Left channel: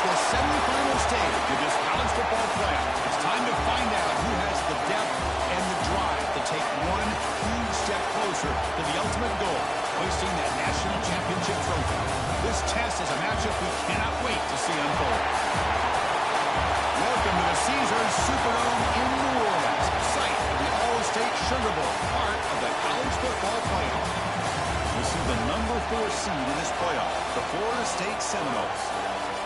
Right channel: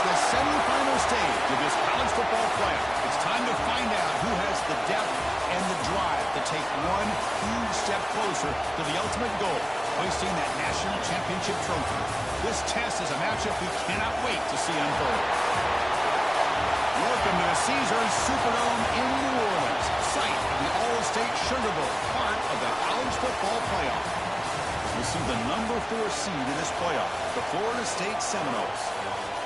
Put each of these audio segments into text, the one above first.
the semifinal stage of this college football playoff. It's time to find out who has the depth and the drive to take one huge step closer to the ultimate goal, hoisting that national championship trophy. This test is a matchup we cannot wait to see unfold. Welcome to the Caesars Superdome in New Orleans, site of the All-State Sugar Bowl, part of the college football playoff. We'll see the number 4 seed in this playoff, the Florida State Seminoles,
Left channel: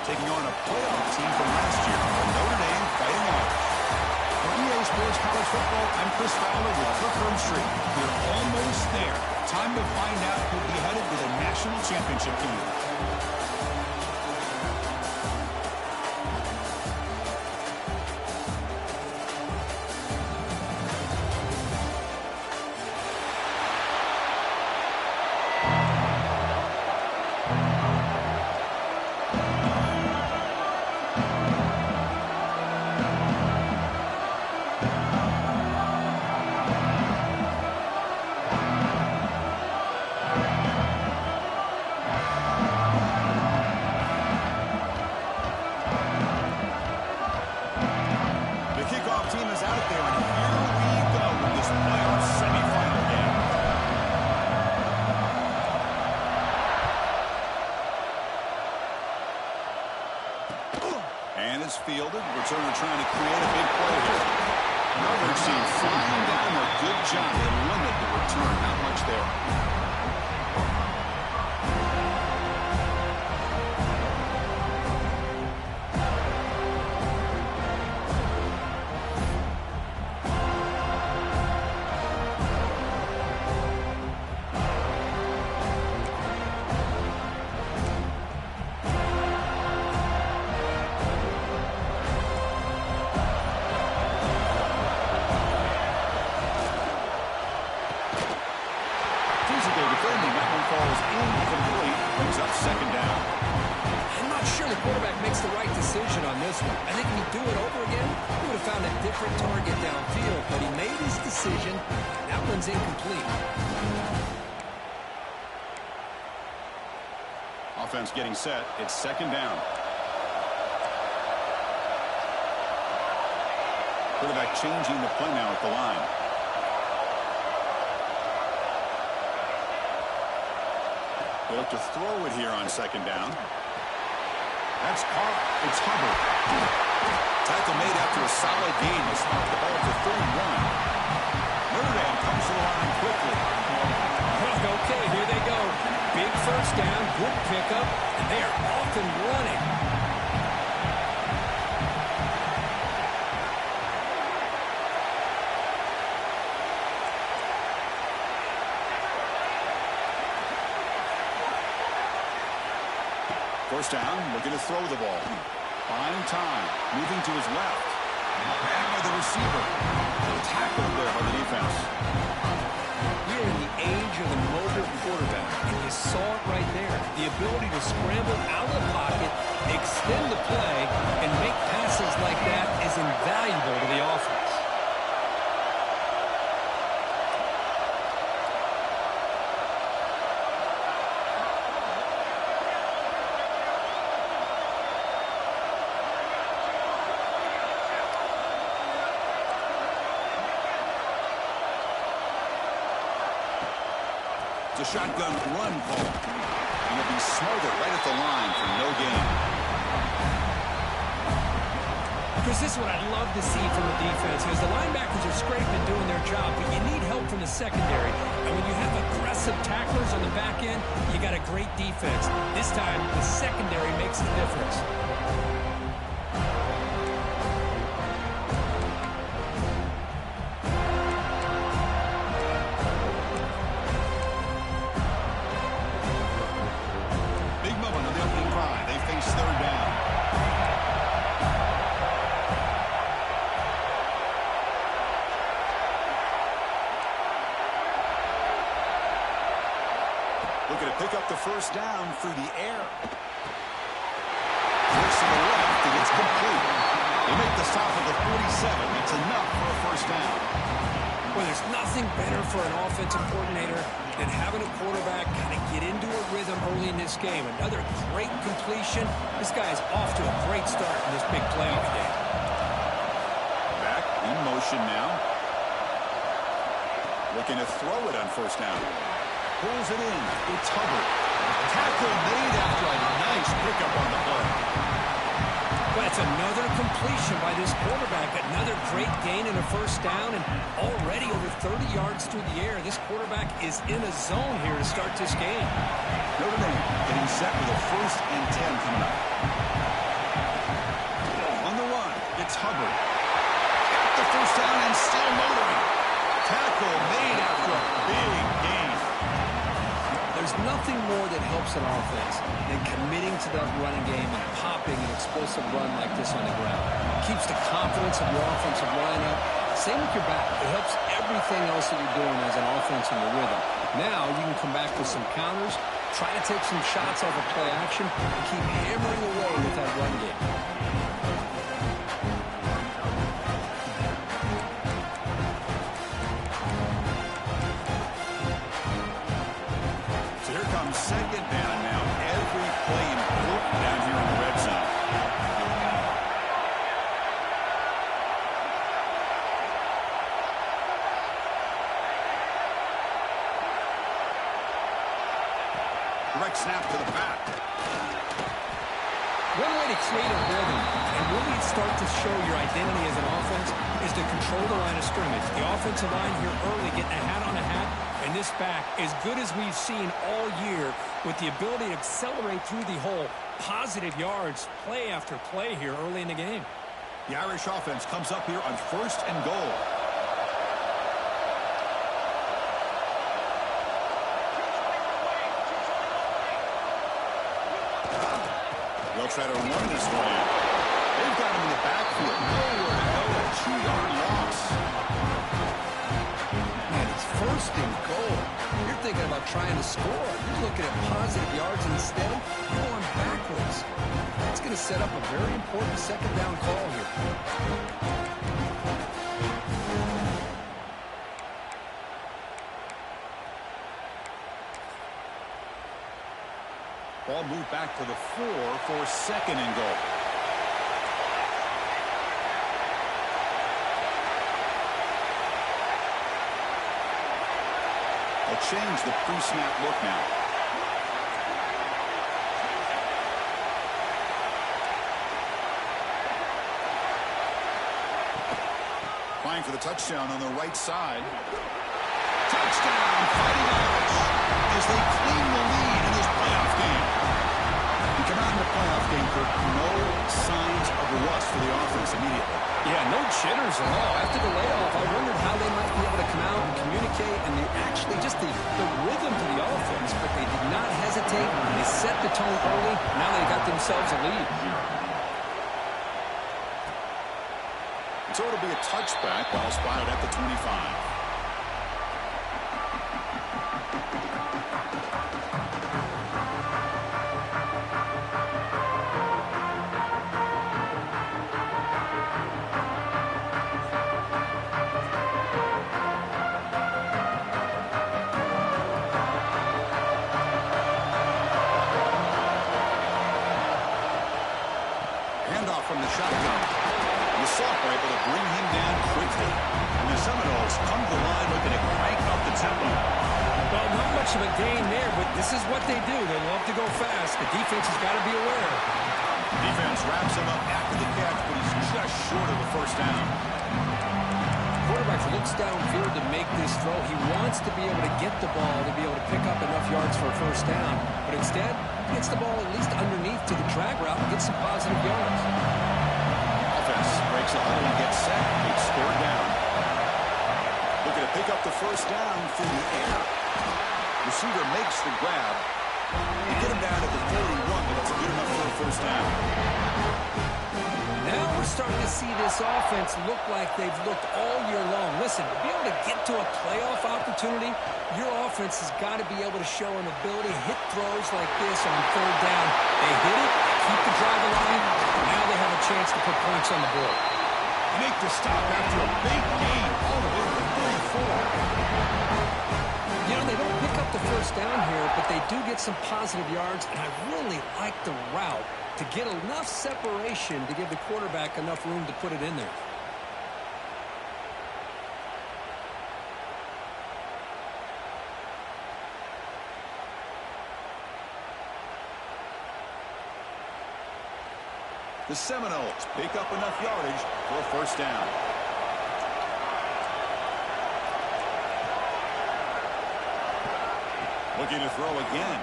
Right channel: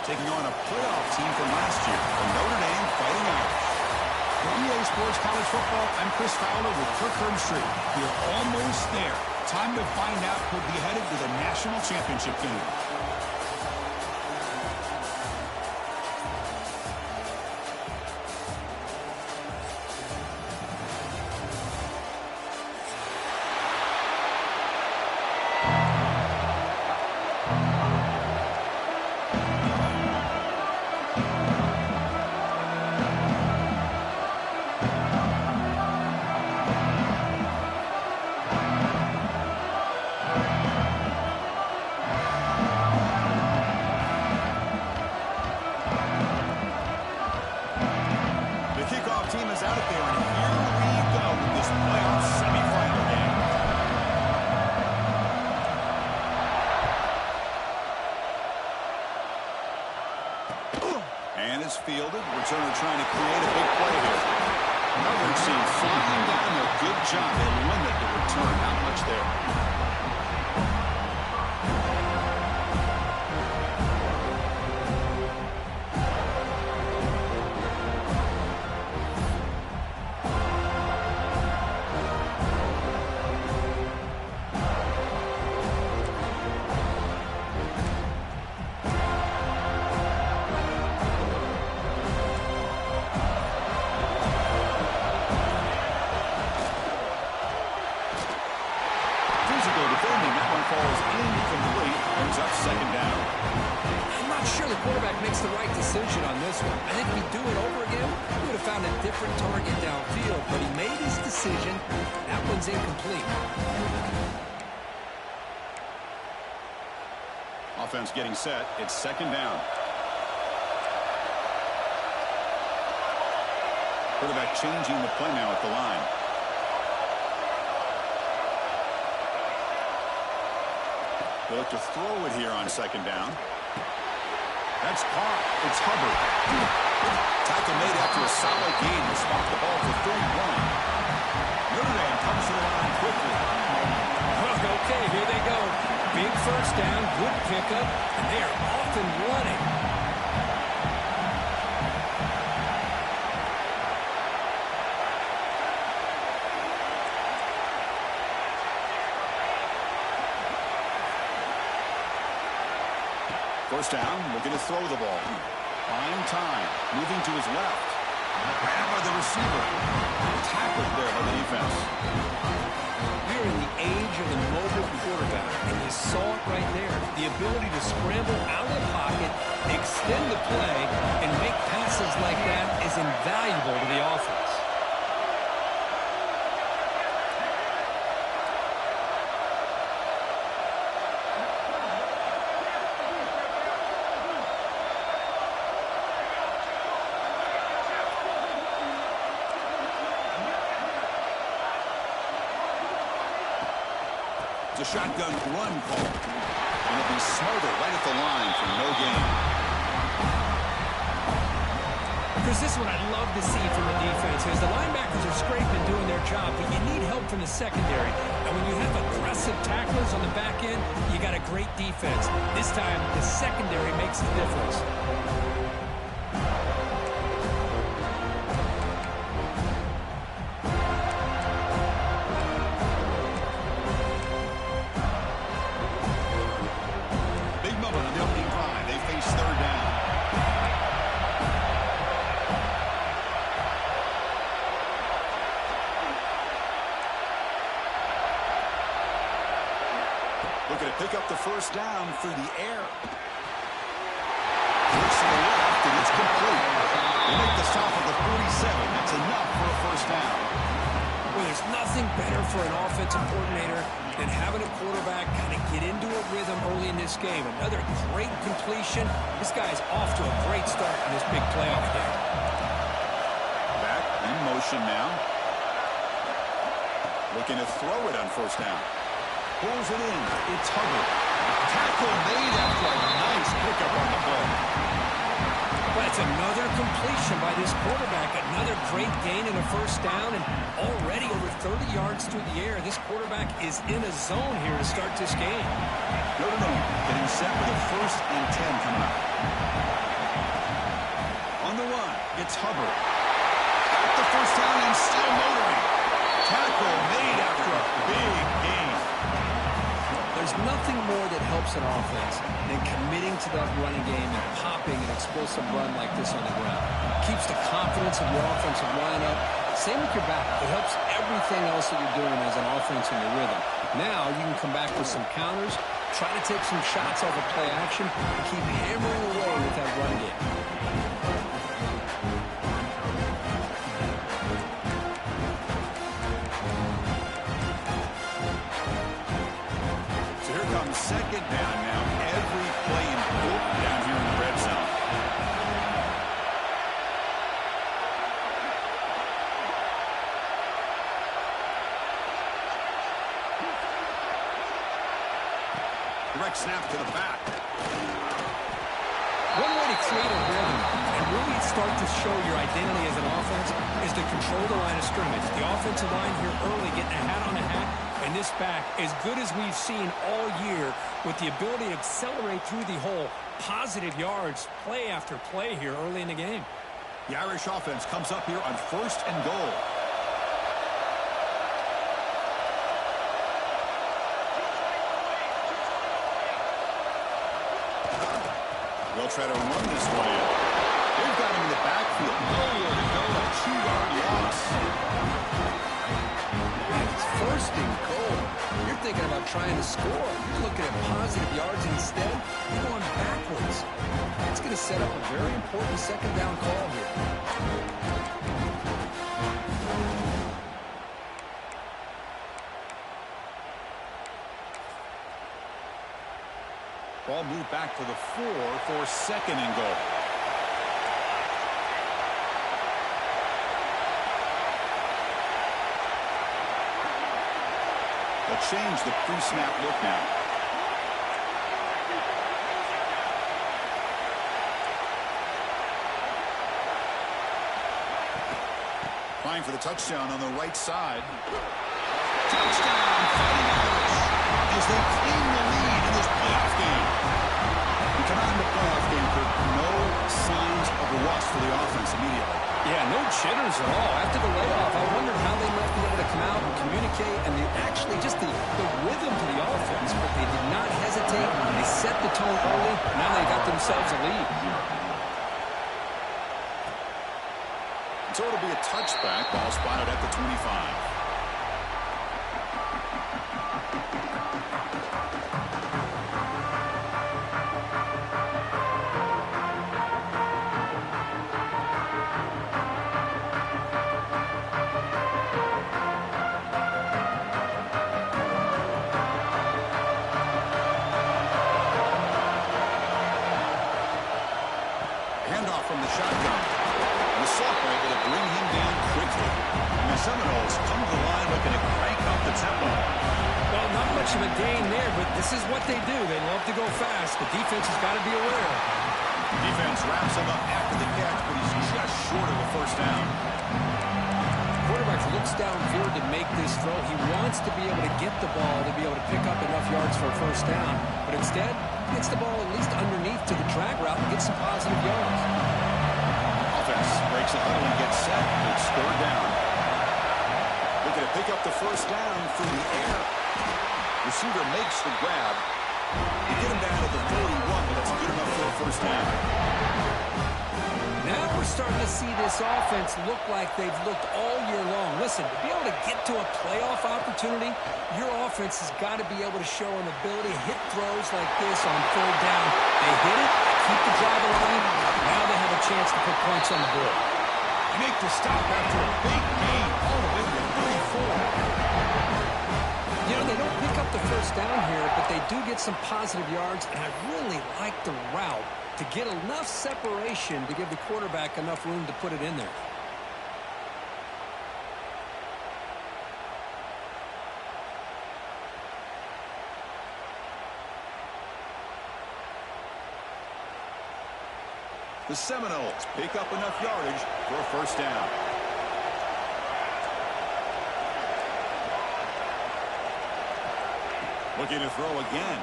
taking on a playoff team from last year, the Notre Dame Fighting Irish. For EA Sports College Football, I'm Chris Fowler with Kirk Herbstreit. We're almost there. Time to find out who'll be headed to the national championship game. Team is out there, and here we go with this playoff semifinal game. And it's fielded. Returner trying to create a big play here. Another team flying down there. Good job. They limit the return. Not much there. Defending, that one falls incomplete, brings up second down. I'm not sure the quarterback makes the right decision on this one. I think if he'd do it over again, he would have found a different target downfield, but he made his decision. That one's incomplete. Offense getting set. It's second down. Quarterback changing the play now at the line. They look to throw it here on second down. That's caught. It's Hubbard. Tackle made after a solid gain. Will spot the ball for 31. Notre Dame comes to the line quickly. Okay, here they go. Big first down, good pickup, and they are off and running. First down, looking to throw the ball. Buying time, moving to his left. Grabbed by the receiver. Tackled there by the defense. We're in the age of the mobile quarterback, and you saw it right there. The ability to scramble out of the pocket, extend the play, and make passes like that is invaluable to the offense. It's a shotgun run call. And it'll be Smothered right at the line for no gain. Chris, this is what I'd love to see from the defense, because the linebackers are scraping, doing their job, but you need help from the secondary. And when you have aggressive tacklers on the back end, you got a great defense. This time, the secondary makes the difference. Big moment on the opening drive. They face third down. Looking to pick up the first down through the air. Looks to the left, and it's complete. They make the stop at the 47. That's enough for a first down. Well, there's nothing better for an offensive coordinator than having a quarterback kind of get into a rhythm early in this game. Another great completion. This guy's off to a great start in this big playoff game. Back in motion now. Looking to throw it on first down. Pulls it in. It's Hubbard. Tackle made after a nice pickup on the play. Well, it's another completion by this quarterback. Another great gain in a first down, and already over 30 yards through the air. This quarterback is in a zone here to start this game. Notre Dame getting set with a 1st and 10 coming up. On the run, it's Hubbard. Got the first down and still motoring. Tackle made after a big gain. There's nothing more that helps an offense than committing to that running game and popping an explosive run like this on the ground. Keeps the confidence of your offensive line up. Same with your back. It helps everything else that you're doing as an offense in your rhythm. Now you can come back with some counters, try to take some shots off of play action, and keep hammering away with that run game. Second down now. Every play important down here in the red zone. Direct snap to the back. One way to create a rhythm and really start to show your identity as an offense is to control the line of scrimmage. The offensive line here early getting a hat on a hat, and this back, as good as we've seen all year, with the ability to accelerate through the hole, positive yards, play after play here early in the game. The Irish offense comes up here on 1st and goal. They'll try to run this one in. They've got him in the backfield. Nowhere to go. A 2-yard loss. Man, it's 1st and goal. You're thinking about trying to score. You're looking at positive yards instead. You're going backwards. It's going to set up a very important 2nd down call here. Ball moved back to the 4 for 2nd and goal. They'll change the pre-snap look now. Applying for the touchdown on the right side. Touchdown, Fighting Irish, as they claim the lead in this playoff game. We come out in the playoff game, Kirk, no signs of rust for the offense immediately. Yeah, no jitters at all. After the layoff, I wondered how they might be able to come out and communicate, and actually just the rhythm to the offense, but they did not hesitate. They set the tone early. Now they got themselves a lead. So it'll be a touchback. Ball spotted at the 25. Handoff from the shotgun. The Sock were able to bring him down quickly. And the Seminoles come to the line looking to crank up the tempo. Well, not much of a gain there, but this is what they do. They love to go fast. The defense has got to be aware. Defense wraps him up after the catch, but he's just short of a 1st down. Quarterback looks downfield to make this throw. He wants to be able to get the ball to be able to pick up enough yards for a 1st down. But instead, he gets the ball at least underneath to the drag route and gets some positive yards. Offense breaks the huddle and gets set. It's 3rd down. Looking to pick up the 1st down through the air. Receiver makes the grab. You get him down at the 41, but that's good enough for a 1st down. Now we're starting to see this offense look like they've looked all year long. Listen, to be able to get to a playoff opportunity, your offense has got to be able to show an ability to hit throws like this on 3rd down. They hit it, they keep the drive alive. Now they have a chance to put points on the board. They make the stop after a big gain all the way to the 34. You know, they don't pick up the first down here, but they do get some positive yards, and I really like the route to get enough separation to give the quarterback enough room to put it in there. The Seminoles pick up enough yardage for a first down. Looking to throw again.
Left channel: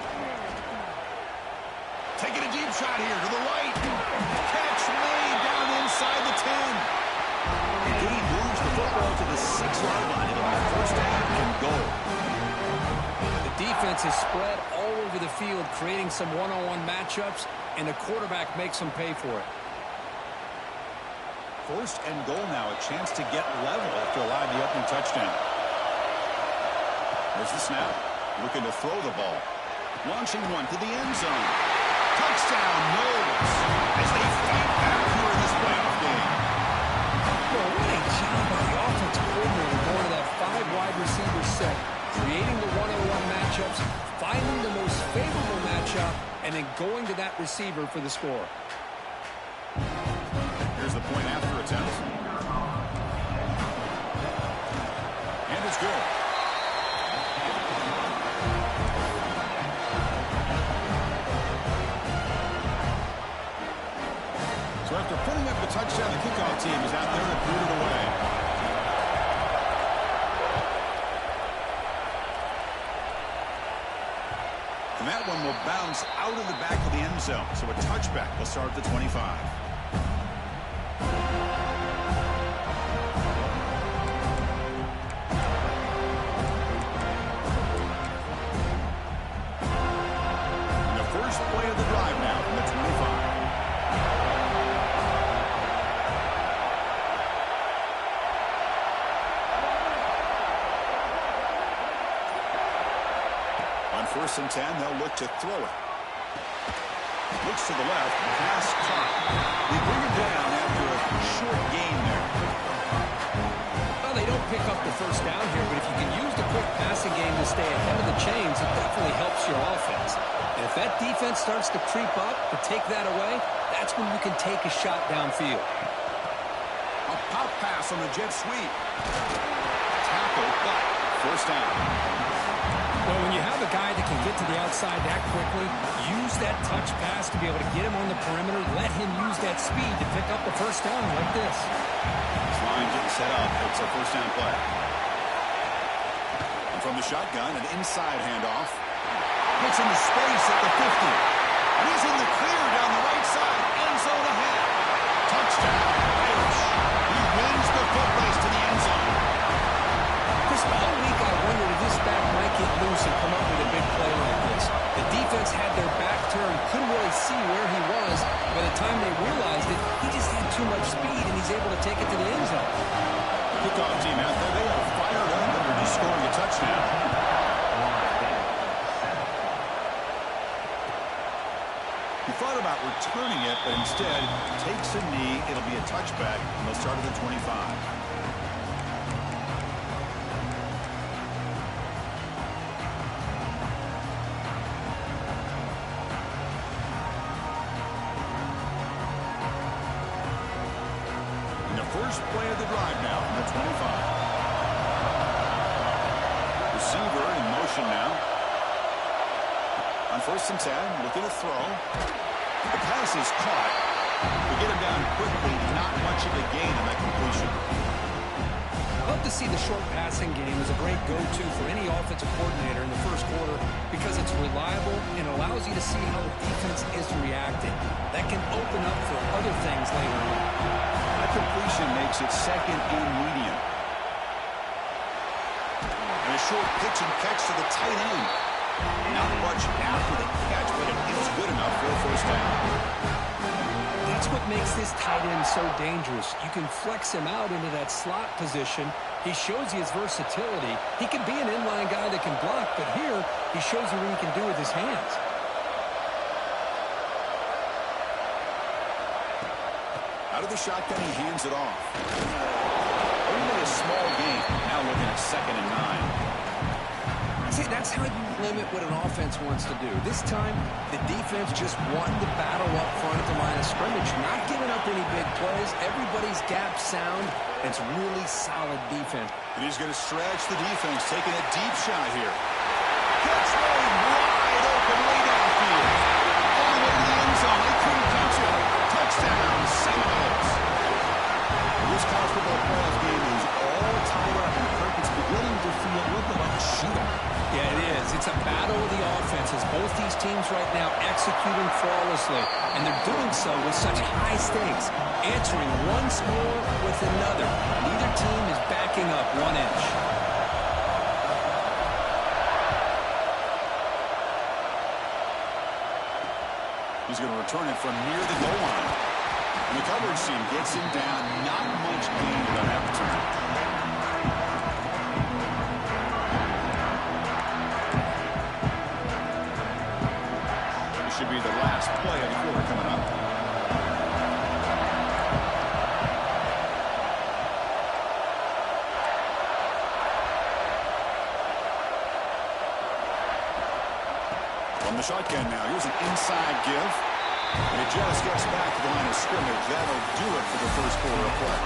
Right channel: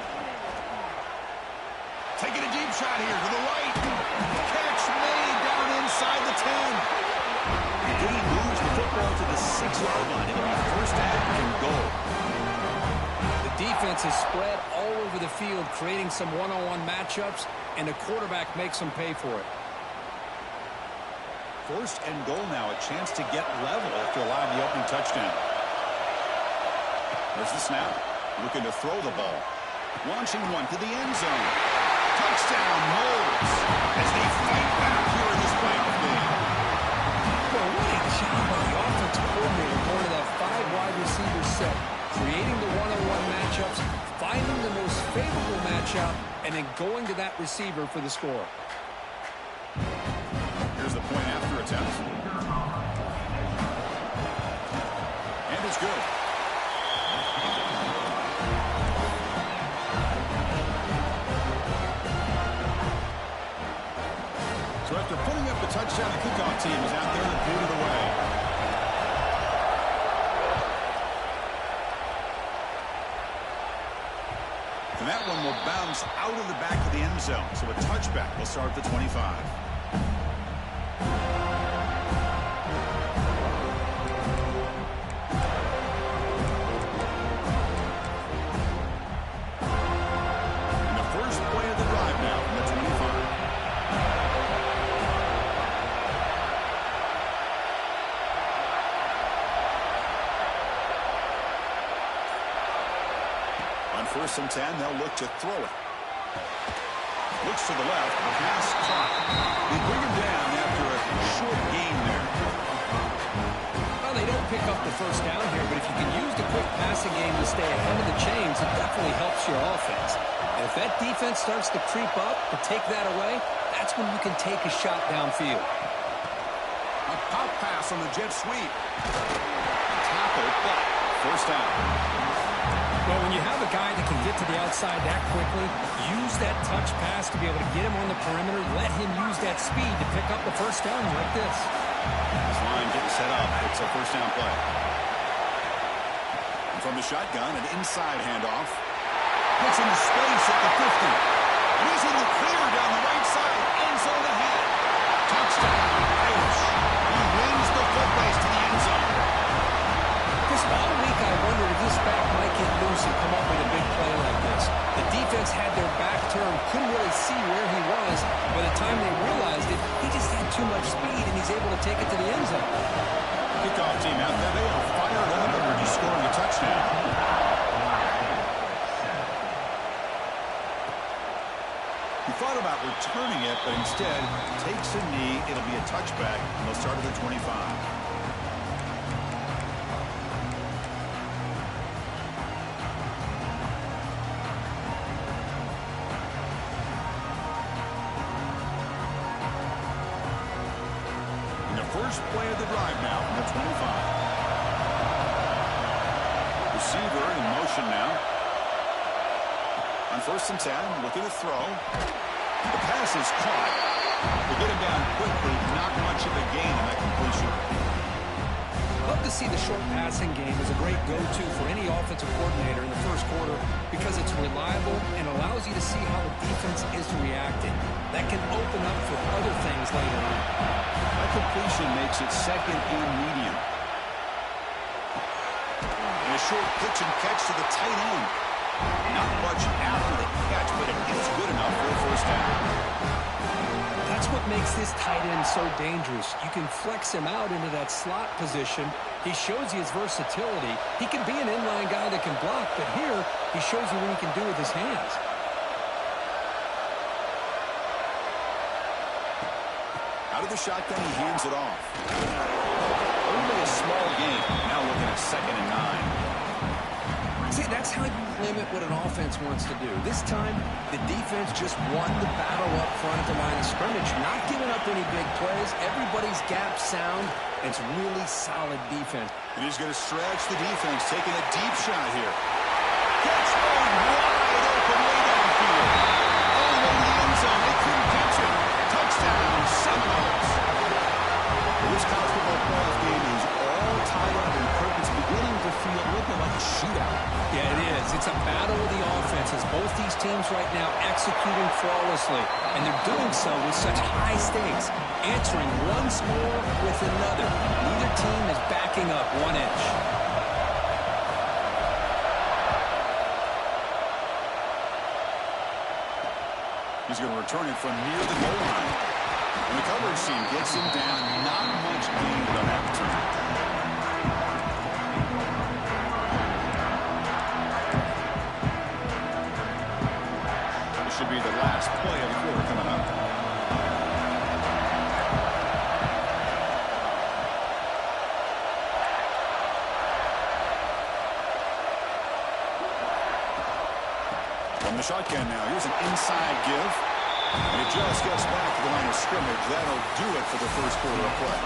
Taking a deep shot here to the right. Catch made down inside the 10. The gain moves the football to the 6-yard line. It'll be first down and goal. The defense is spread all over the field, creating some one-on-one matchups, and the quarterback makes them pay for it. First and goal now, a chance to get level after allowing the opening touchdown. There's the snap. Looking to throw the ball. Launching one to the end zone. Touchdown, Knowles, as they fight back here in this playoff game. Well, what a job by the offensive coordinator going to that 5-wide receiver set, creating the one-on-one matchups, finding the most favorable matchup, and then going to that receiver for the score. Here's the point after attempt. And it's good. So after putting up the touchdown, the kickoff team is out there to boot it away. And that one will bounce out of the back of the end zone. So a touchback will start at the 25. And the first play of the drive now from the 25. On 1st and 10, they'll look to throw it. Looks to the left, pass caught. They bring him down after a short gain there. Well, they don't pick up the first down here, but if you can use the quick passing game to stay ahead of the chains, it definitely helps your offense. And if that defense starts to creep up to take that away, that's when you can take a shot downfield. A pop pass on the jet sweep. Tackle, but first down. Well, when you have a guy that can get to the outside that quickly, use that touch pass to be able to get him on the perimeter, let him use that speed to pick up the first down like this. This line getting set up. It's a first down play. And from the shotgun, an inside handoff. Gets into space at the 50. And he's in the clear down the right side. End zone ahead. Touchdown, Irish. He wins the foot race to the end zone. Chris, all week I wondered if this back might get loose and come up with a big play like this. The defense had their back turned, couldn't really see where he was. By the time they realized it, he just had too much speed, and he's able to take it to the end zone. Kickoff team out there, they are fired up after just scoring a touchdown. He thought about returning it, but instead takes a knee. It'll be a touchback, and they'll start at the 25. First play of the drive now from the 25. Receiver in motion now. On 1st and 10, looking to throw. The pass is caught. They get him down quickly. Not much of a gain on that completion. Love to see the short passing game as a great go-to for any offensive coordinator in the first quarter because it's reliable and allows you to see how the defense is reacting. That can open up for other things later on. That completion makes it second and medium. And a short pitch and catch to the tight end. Not much after the catch, but it is good enough for a first down. That's what makes this tight end so dangerous. You can flex him out into that slot position. He shows you his versatility. He can be an inline guy that can block, but here he shows you what he can do with his hands. Out of the shotgun, he hands it off. Only a small gain. Now looking at 2nd and 9. See, that's how you limit what an offense wants to do. This time, the defense just won the battle up front at the line of scrimmage, not giving up any big plays. Everybody's gap sound. It's really solid defense. And he's going to stretch the defense, taking a deep shot here. Gets laid wide open way downfield. All the way to the end zone. They couldn't catch it. Touchdown, Seminoles. This college football playoff game is all tied up, and Kirk, it's beginning to feel a little bit like a shootout. Yeah, it is. It's a battle of the offenses. Both these teams right now executing flawlessly, and they're doing so with such high stakes, answering one score with another. Neither team is backing up 1 inch. He's going to return it from near the goal line. And the coverage team gets him down. Not much gain on that return. This should be the last play of the quarter coming up. From the shotgun now. Here's an inside give. And it just gets back to the line of scrimmage. That'll do it for the first quarter of play.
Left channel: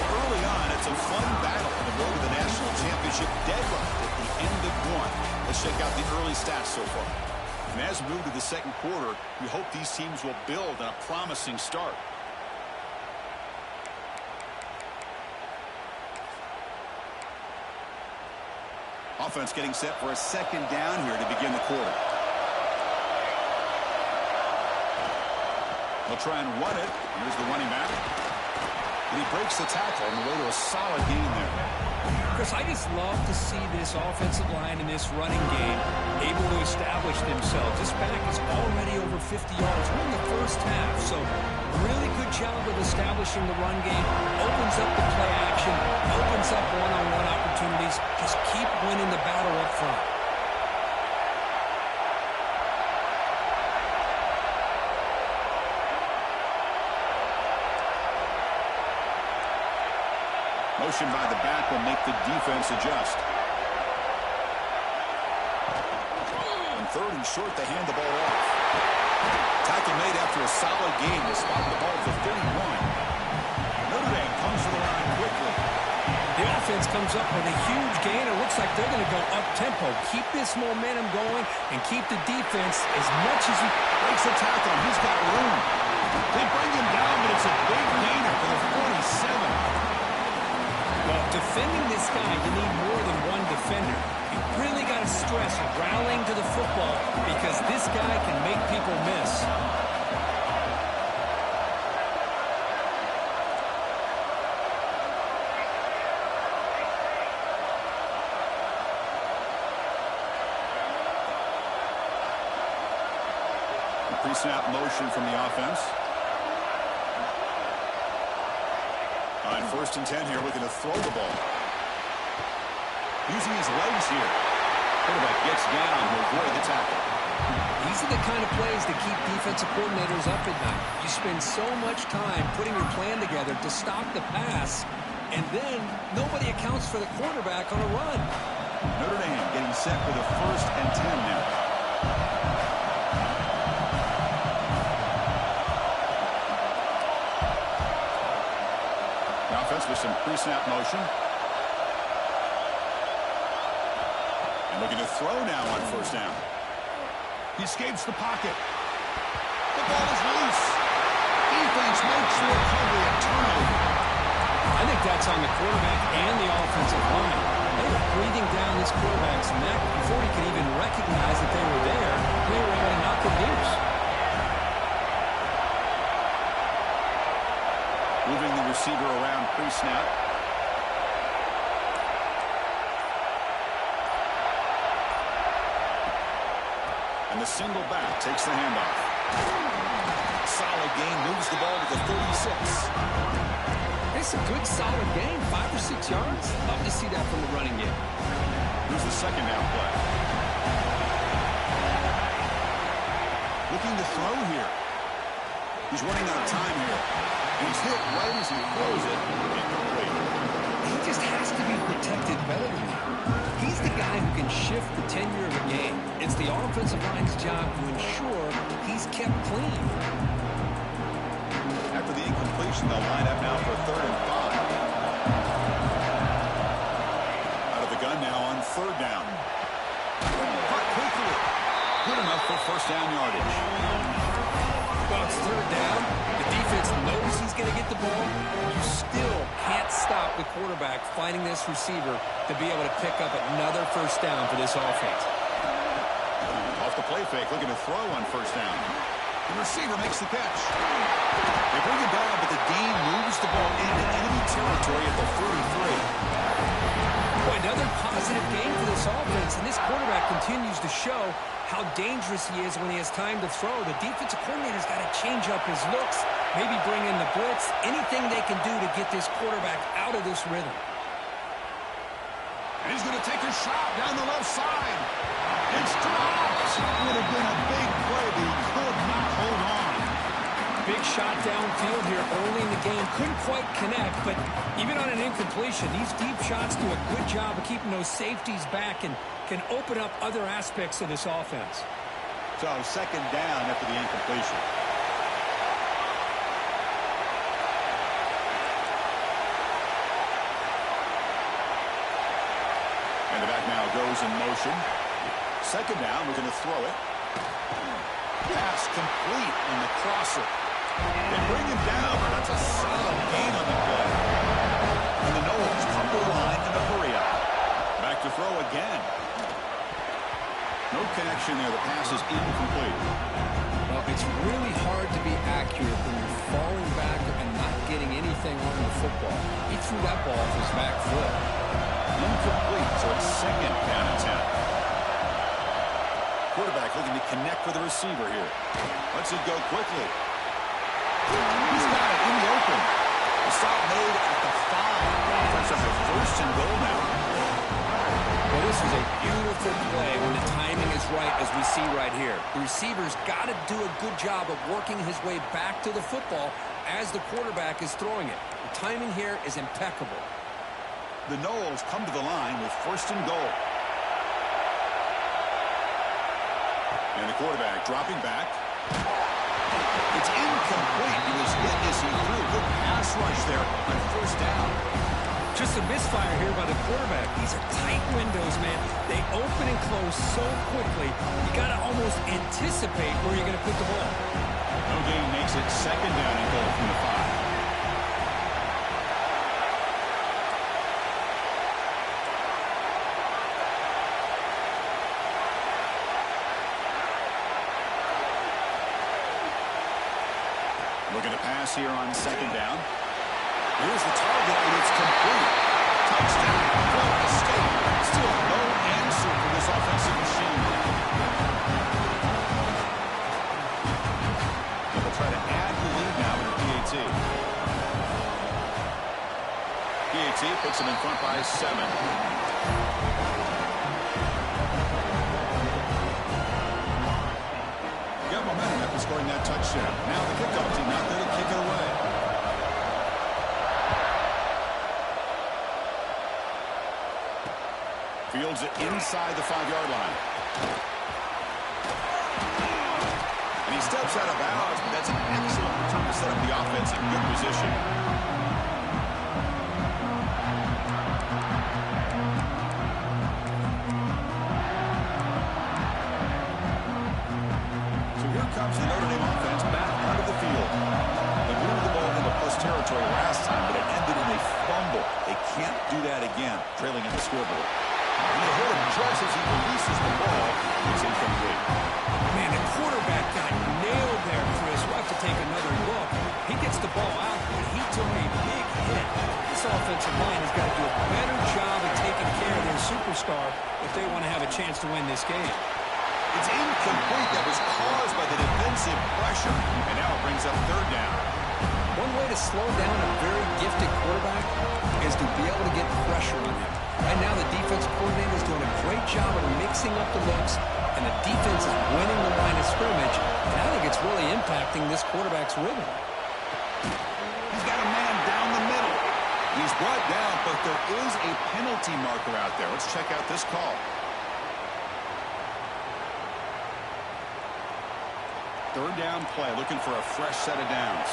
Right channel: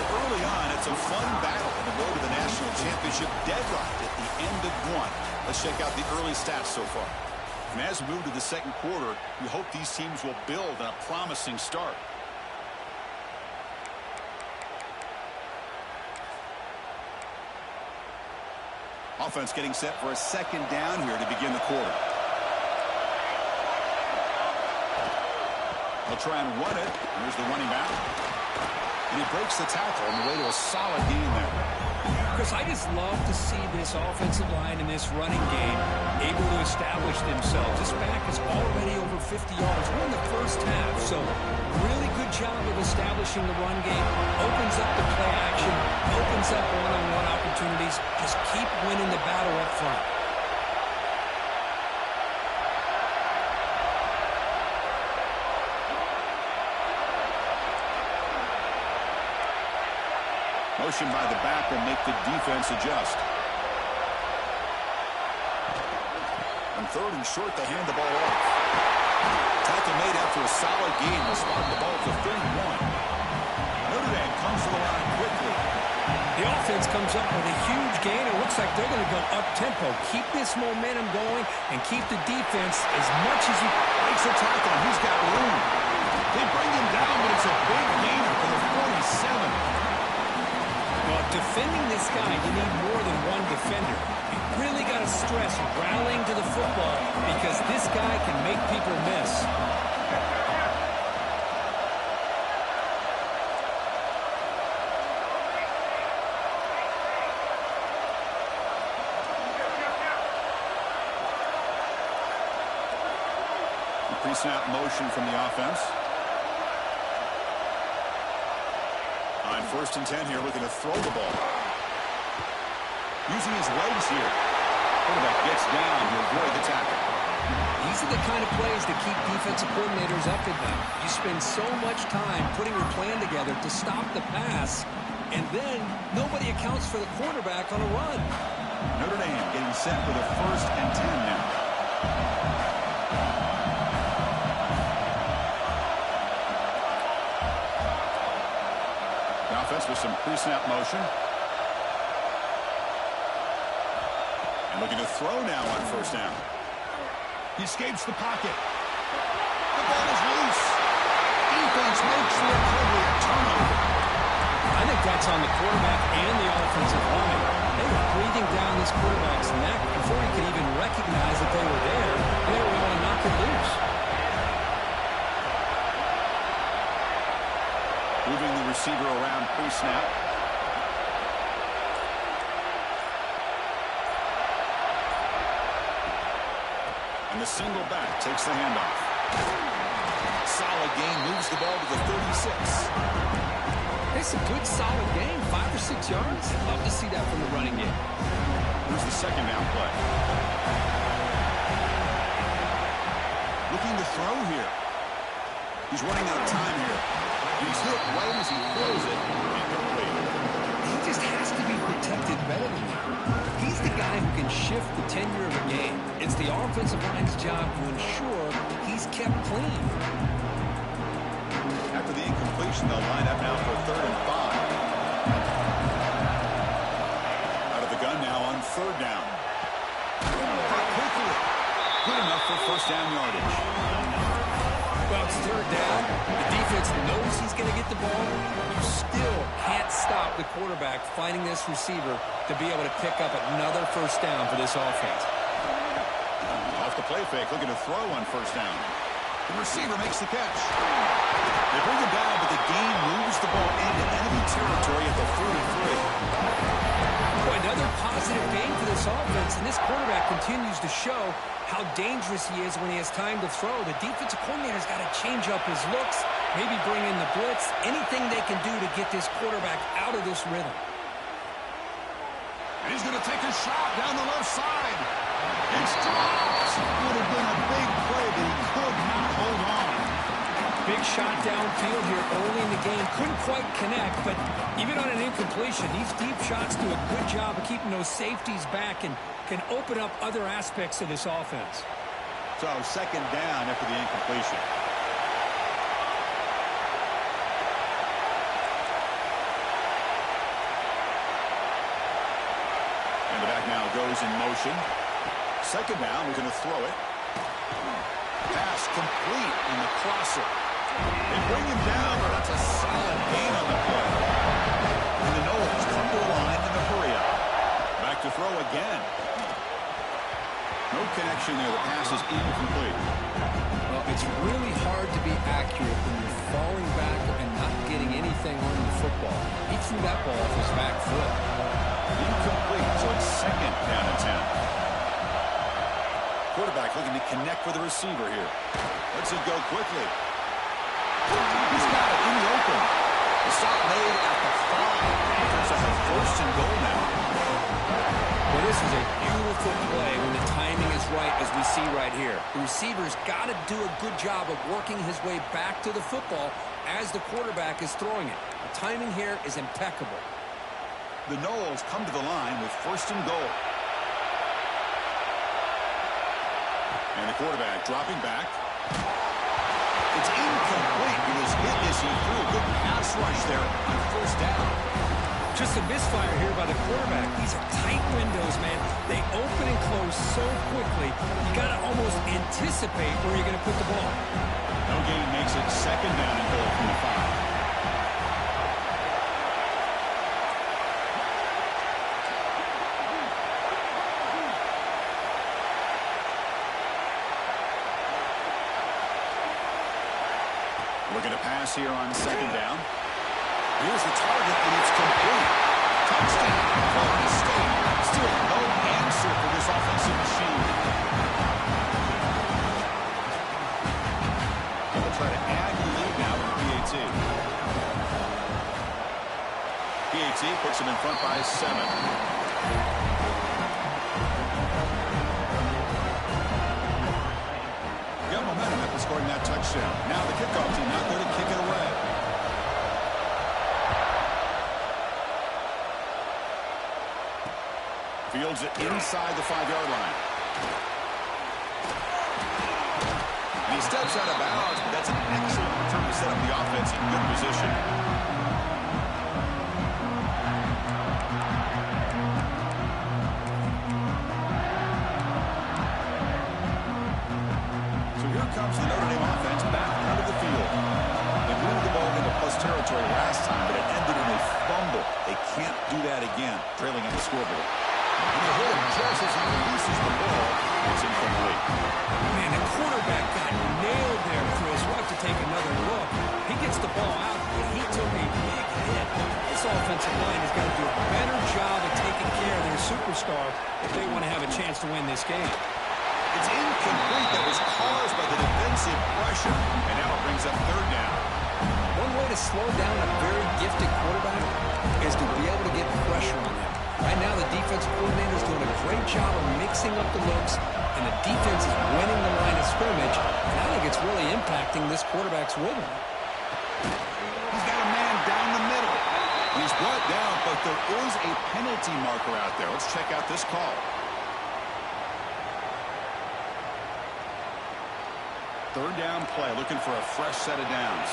So early on, it's a fun battle on the road to the national championship, deadlocked at the end of 1. Let's check out the early stats so far. And as we move to the second quarter, we hope these teams will build on a promising start. Offense getting set for a 2nd down here to begin the quarter. They'll try and run it. Here's the running back. And he breaks the tackle on the way to a solid gain there. Chris, I just love to see this offensive line and this running game able to establish themselves. This back is already over 50 yards. We're in the first half, so really good job of establishing the run game. Opens up the play action, opens up one-on-one opportunities. Just keep winning the battle up front. Motion by the back will make the defense adjust. On 3rd and short, they hand the ball off. Tackle made after a solid gain. Will spot the ball to 31. Notre Dame comes to the line quickly. The offense comes up with a huge gain. It looks like they're going to go up-tempo. Keep this momentum going and keep the defense as much as you... Breaks the tackle. He's got room. They bring him down, but it's a big gainer for the 47. Well, defending this guy, you need more than one defender. You really got to stress rallying to the football because this guy can make people miss. Pre-snap motion from the offense. On 1st and 10 here, looking to throw the ball. Using his legs here. Quarterback gets down to avoid the tackle. These are the kind of plays that keep defensive coordinators up at night. You spend so much time putting your plan together to stop the pass, and then nobody accounts for the quarterback on a run. Notre Dame getting set for the 1st and 10 now. The offense with some pre-snap motion. And looking to throw now on 1st down. He escapes the pocket. The ball is loose. Defense makes the recovery a turnover. I think that's on the quarterback and the offensive line. They were breathing down this quarterback's neck before he could even recognize that they were there. They were able to knock it loose. Moving the receiver around pre-snap. And the single back takes the handoff. Solid gain, moves the ball to the 36. It's a good, solid gain, 5 or 6 yards. Love to see that from the running game. Here's the 2nd down play. Looking to throw here. He's running out of time here. And he's hit right as he throws it. Incomplete. He just has to be protected better than that. He's the guy who can shift the tenure of a game. It's the offensive line's job to ensure he's kept clean. After the incompletion, they'll line up now for 3rd and 5. Out of the gun now on 3rd down. Caught quickly. Good enough for 1st down yardage. Well, it's 3rd down. The defense knows he's going to get the ball. You still can't stop the quarterback finding this receiver to be able to pick up another 1st down for this offense. Off the play fake, looking to throw on 1st down. The receiver makes the catch. They bring him down, but the game moves the ball into enemy territory at the 43. Boy, another positive game for this offense, and this quarterback continues to show how dangerous he is when he has time to throw. The defensive coordinator's got to change up his looks, maybe bring in the blitz, anything they can do to get this quarterback out of this rhythm. And he's going to take a shot down the left side. It's dropped. Would have been a big play, but he could not hold on. Big shot downfield here early in the game. Couldn't quite connect, but even on an incompletion, these deep shots do a good job of keeping those safeties back and can open up other aspects of this offense. So 2nd down after the incompletion. And the back now goes in motion. 2nd down, we're going to throw it. Pass complete on the crosser. They bring him down, but that's a solid gain on the play. And the Noles come to the line in a hurry up. Back to throw again. No connection there. The pass is incomplete. Well, it's really hard to be accurate when you're falling back and not getting anything on the football. He threw that ball off his back foot. Incomplete, so it's 2nd down and 10. Quarterback looking to connect with the receiver here. Lets it go quickly. He's got it in the open. The stop made at the 5. The offense have 1st and goal now. Well, this was a beautiful play when the timing is right, as we see right here. The receiver's got to do a good job of working his way back to the football as the quarterback is throwing it. The timing here is impeccable. The Noles come to the line with 1st and goal. And the quarterback dropping back. It's incomplete. He was hit as he threw. Good pass rush there on 1st down. Just a misfire here by the quarterback. These are tight windows, man. They open and close so quickly. You got to almost anticipate where you're going to put the ball. No gain makes it 2nd down and goal from the 5. Looking to pass here on 2nd down. Here's the target, and it's complete. Touchdown, Florida State. Still no answer for this offensive machine. And they'll try to add the lead now with the PAT. PAT puts them in front by 7. Got momentum after scoring that touchdown. Now the kickoff team out there to kick it away. Fields it inside the 5-yard line. And he steps out of bounds, but that's an excellent return to set up the offense in good position. So here comes the Notre Dame offense back onto the field. They moved the ball into plus territory last time, but it ended in a fumble. They can't do that again, trailing on the scoreboard. And they hit him just as he releases the ball. It's incomplete. Man, the quarterback got nailed there, Chris. We'll have to take another look. He gets the ball out, but he took a big hit. This offensive line has got to do a better job of taking care of their superstar if they want to have a chance to win this game. It's incomplete. That was caused by the defensive pressure. And now it brings up 3rd down. One way to slow down a very gifted quarterback is to be able to get pressure on him. Right now, the defense coordinator is doing a great job of mixing up the looks, and the defense is winning the line of of scrimmage, and I think it's really impacting this quarterback's rhythm. He's got a man down the middle. He's brought down, but there is a penalty marker out there. Let's check out this call. Third down play, looking for a fresh set of downs.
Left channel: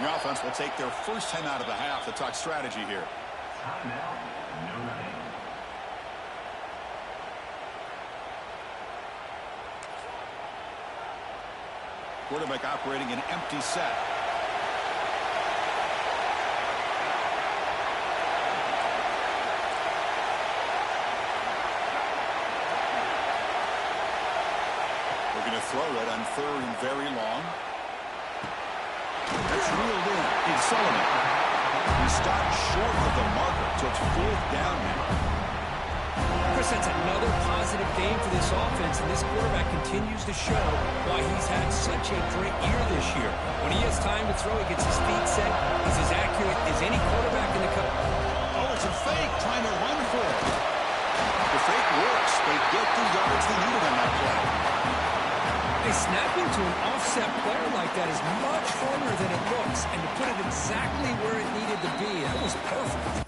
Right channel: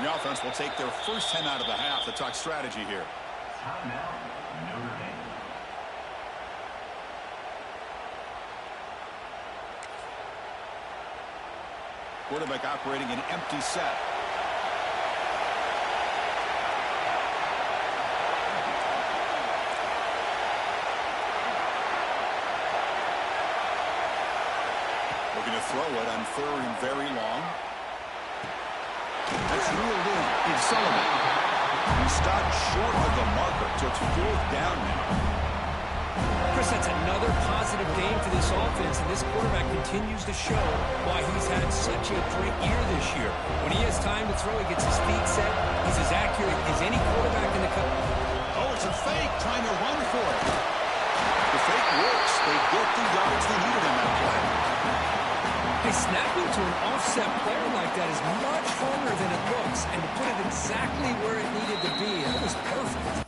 The offense will take their first 10 out of the half to talk strategy here. Timeout, Notre Dame. Quarterback operating an empty set. We're going to throw it on third and very long. That's reeled in. It's Sullivan. He stopped short of the marker, so it's fourth down now. Chris, that's another positive game for this offense, and this quarterback continues to show why he's had such a great year this year. When he has time to throw, he gets his feet set. He's as accurate as any quarterback in the country. Oh, it's a fake, trying to run for it. The fake works. They get the yards they needed on that play. Hey, snapping to an offset player like that is much harder than it looks, and to put it exactly where it needed to be, that was perfect.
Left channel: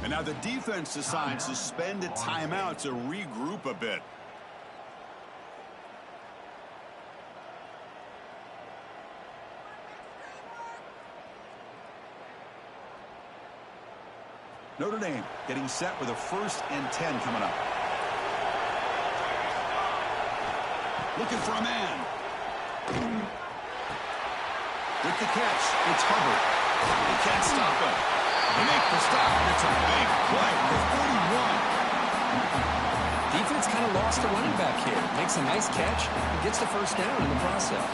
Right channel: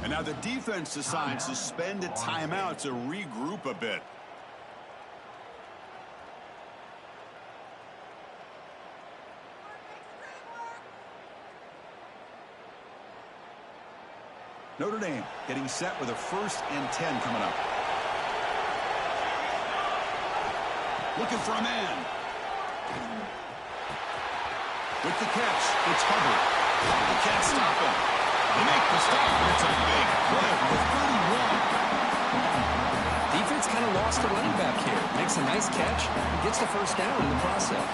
And now the defense decides to spend a timeout to regroup a bit. Notre Dame getting set with a 1st and 10 coming up. Looking for a man. With the catch, it's Hubbard. They can't stop him. They make the stop, and it's a big play for 31. Defense kind of lost a running back here. Makes a nice catch and gets the first down in the process.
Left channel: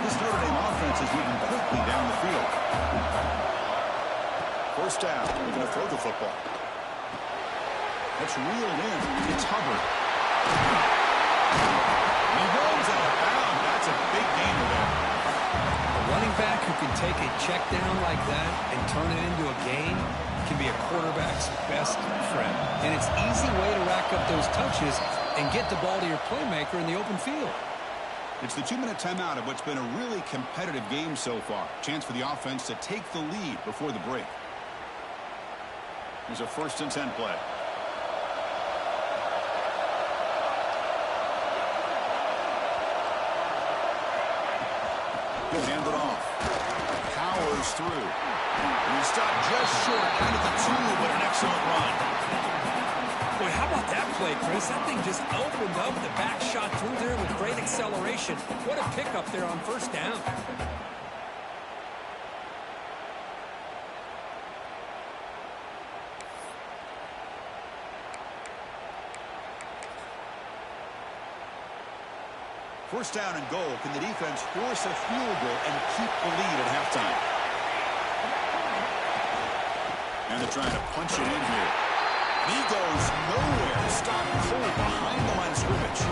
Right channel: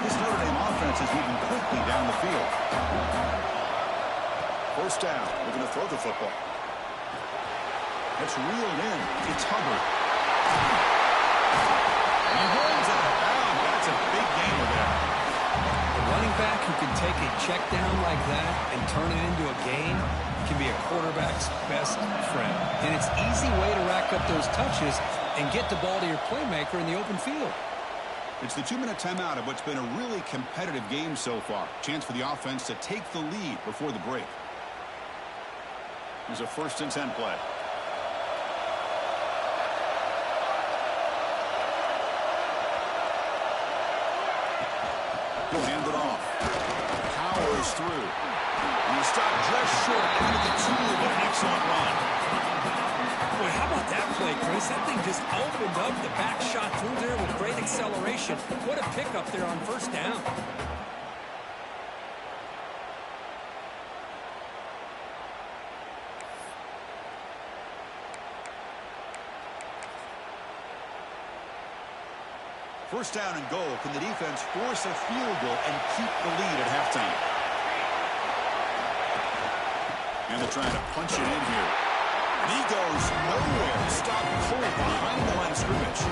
This Notre Dame offense is moving quickly down the field. First down. They're going to throw the football. That's reeled in. It's Hubbard. And he runs out of bounds. That's a big gainer there. A running back who can take a check down like that and turn it into a gain can be a quarterback's best friend. And it's an easy way to rack up those touches and get the ball to your playmaker in the open field. It's the 2-minute timeout of what's been a really competitive game so far. Chance for the offense to take the lead before the break. Here's a 1st and 10 play. He'll hand it off. Powers through. And he stopped just short down at the 2, but an excellent run. Boy, how about that play, Chris? That thing just opened up. The back shot through there with great acceleration. What a pickup there on 1st down. First down and goal. Can the defense force a field goal and keep the lead at halftime? And they're trying to punch it in here. And he goes nowhere. Stopped cold behind the line of scrimmage.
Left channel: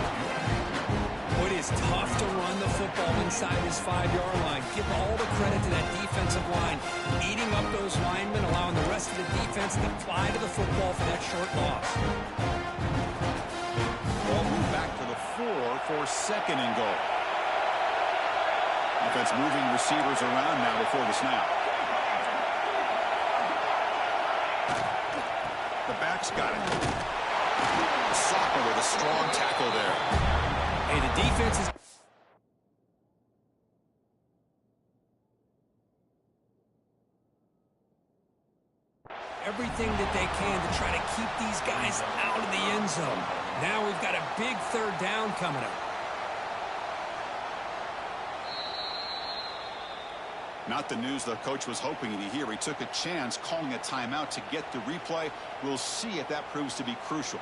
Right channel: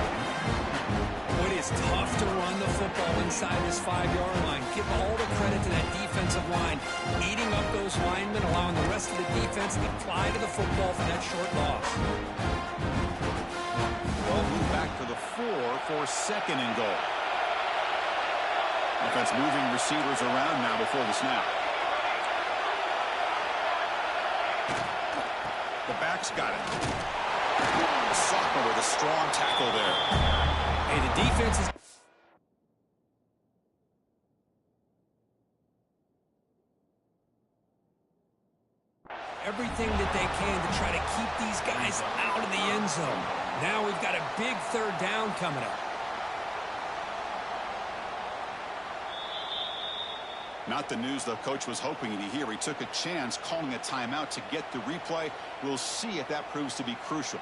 It is tough to run the football inside his 5-yard line. Give all the credit to that defensive line, eating up those linemen, allowing the rest of the defense to fly to the football for that short loss. Ball moved back to the 4 for second and goal. Offense moving receivers around now before the snap. The back's got it. The sophomore with a strong tackle there. Hey, the defense is... everything that they can to try to keep these guys out of the end zone. Now we've got a big third down coming up. Not the news the coach was hoping to hear. He took a chance calling a timeout to get the replay. We'll see if that proves to be crucial.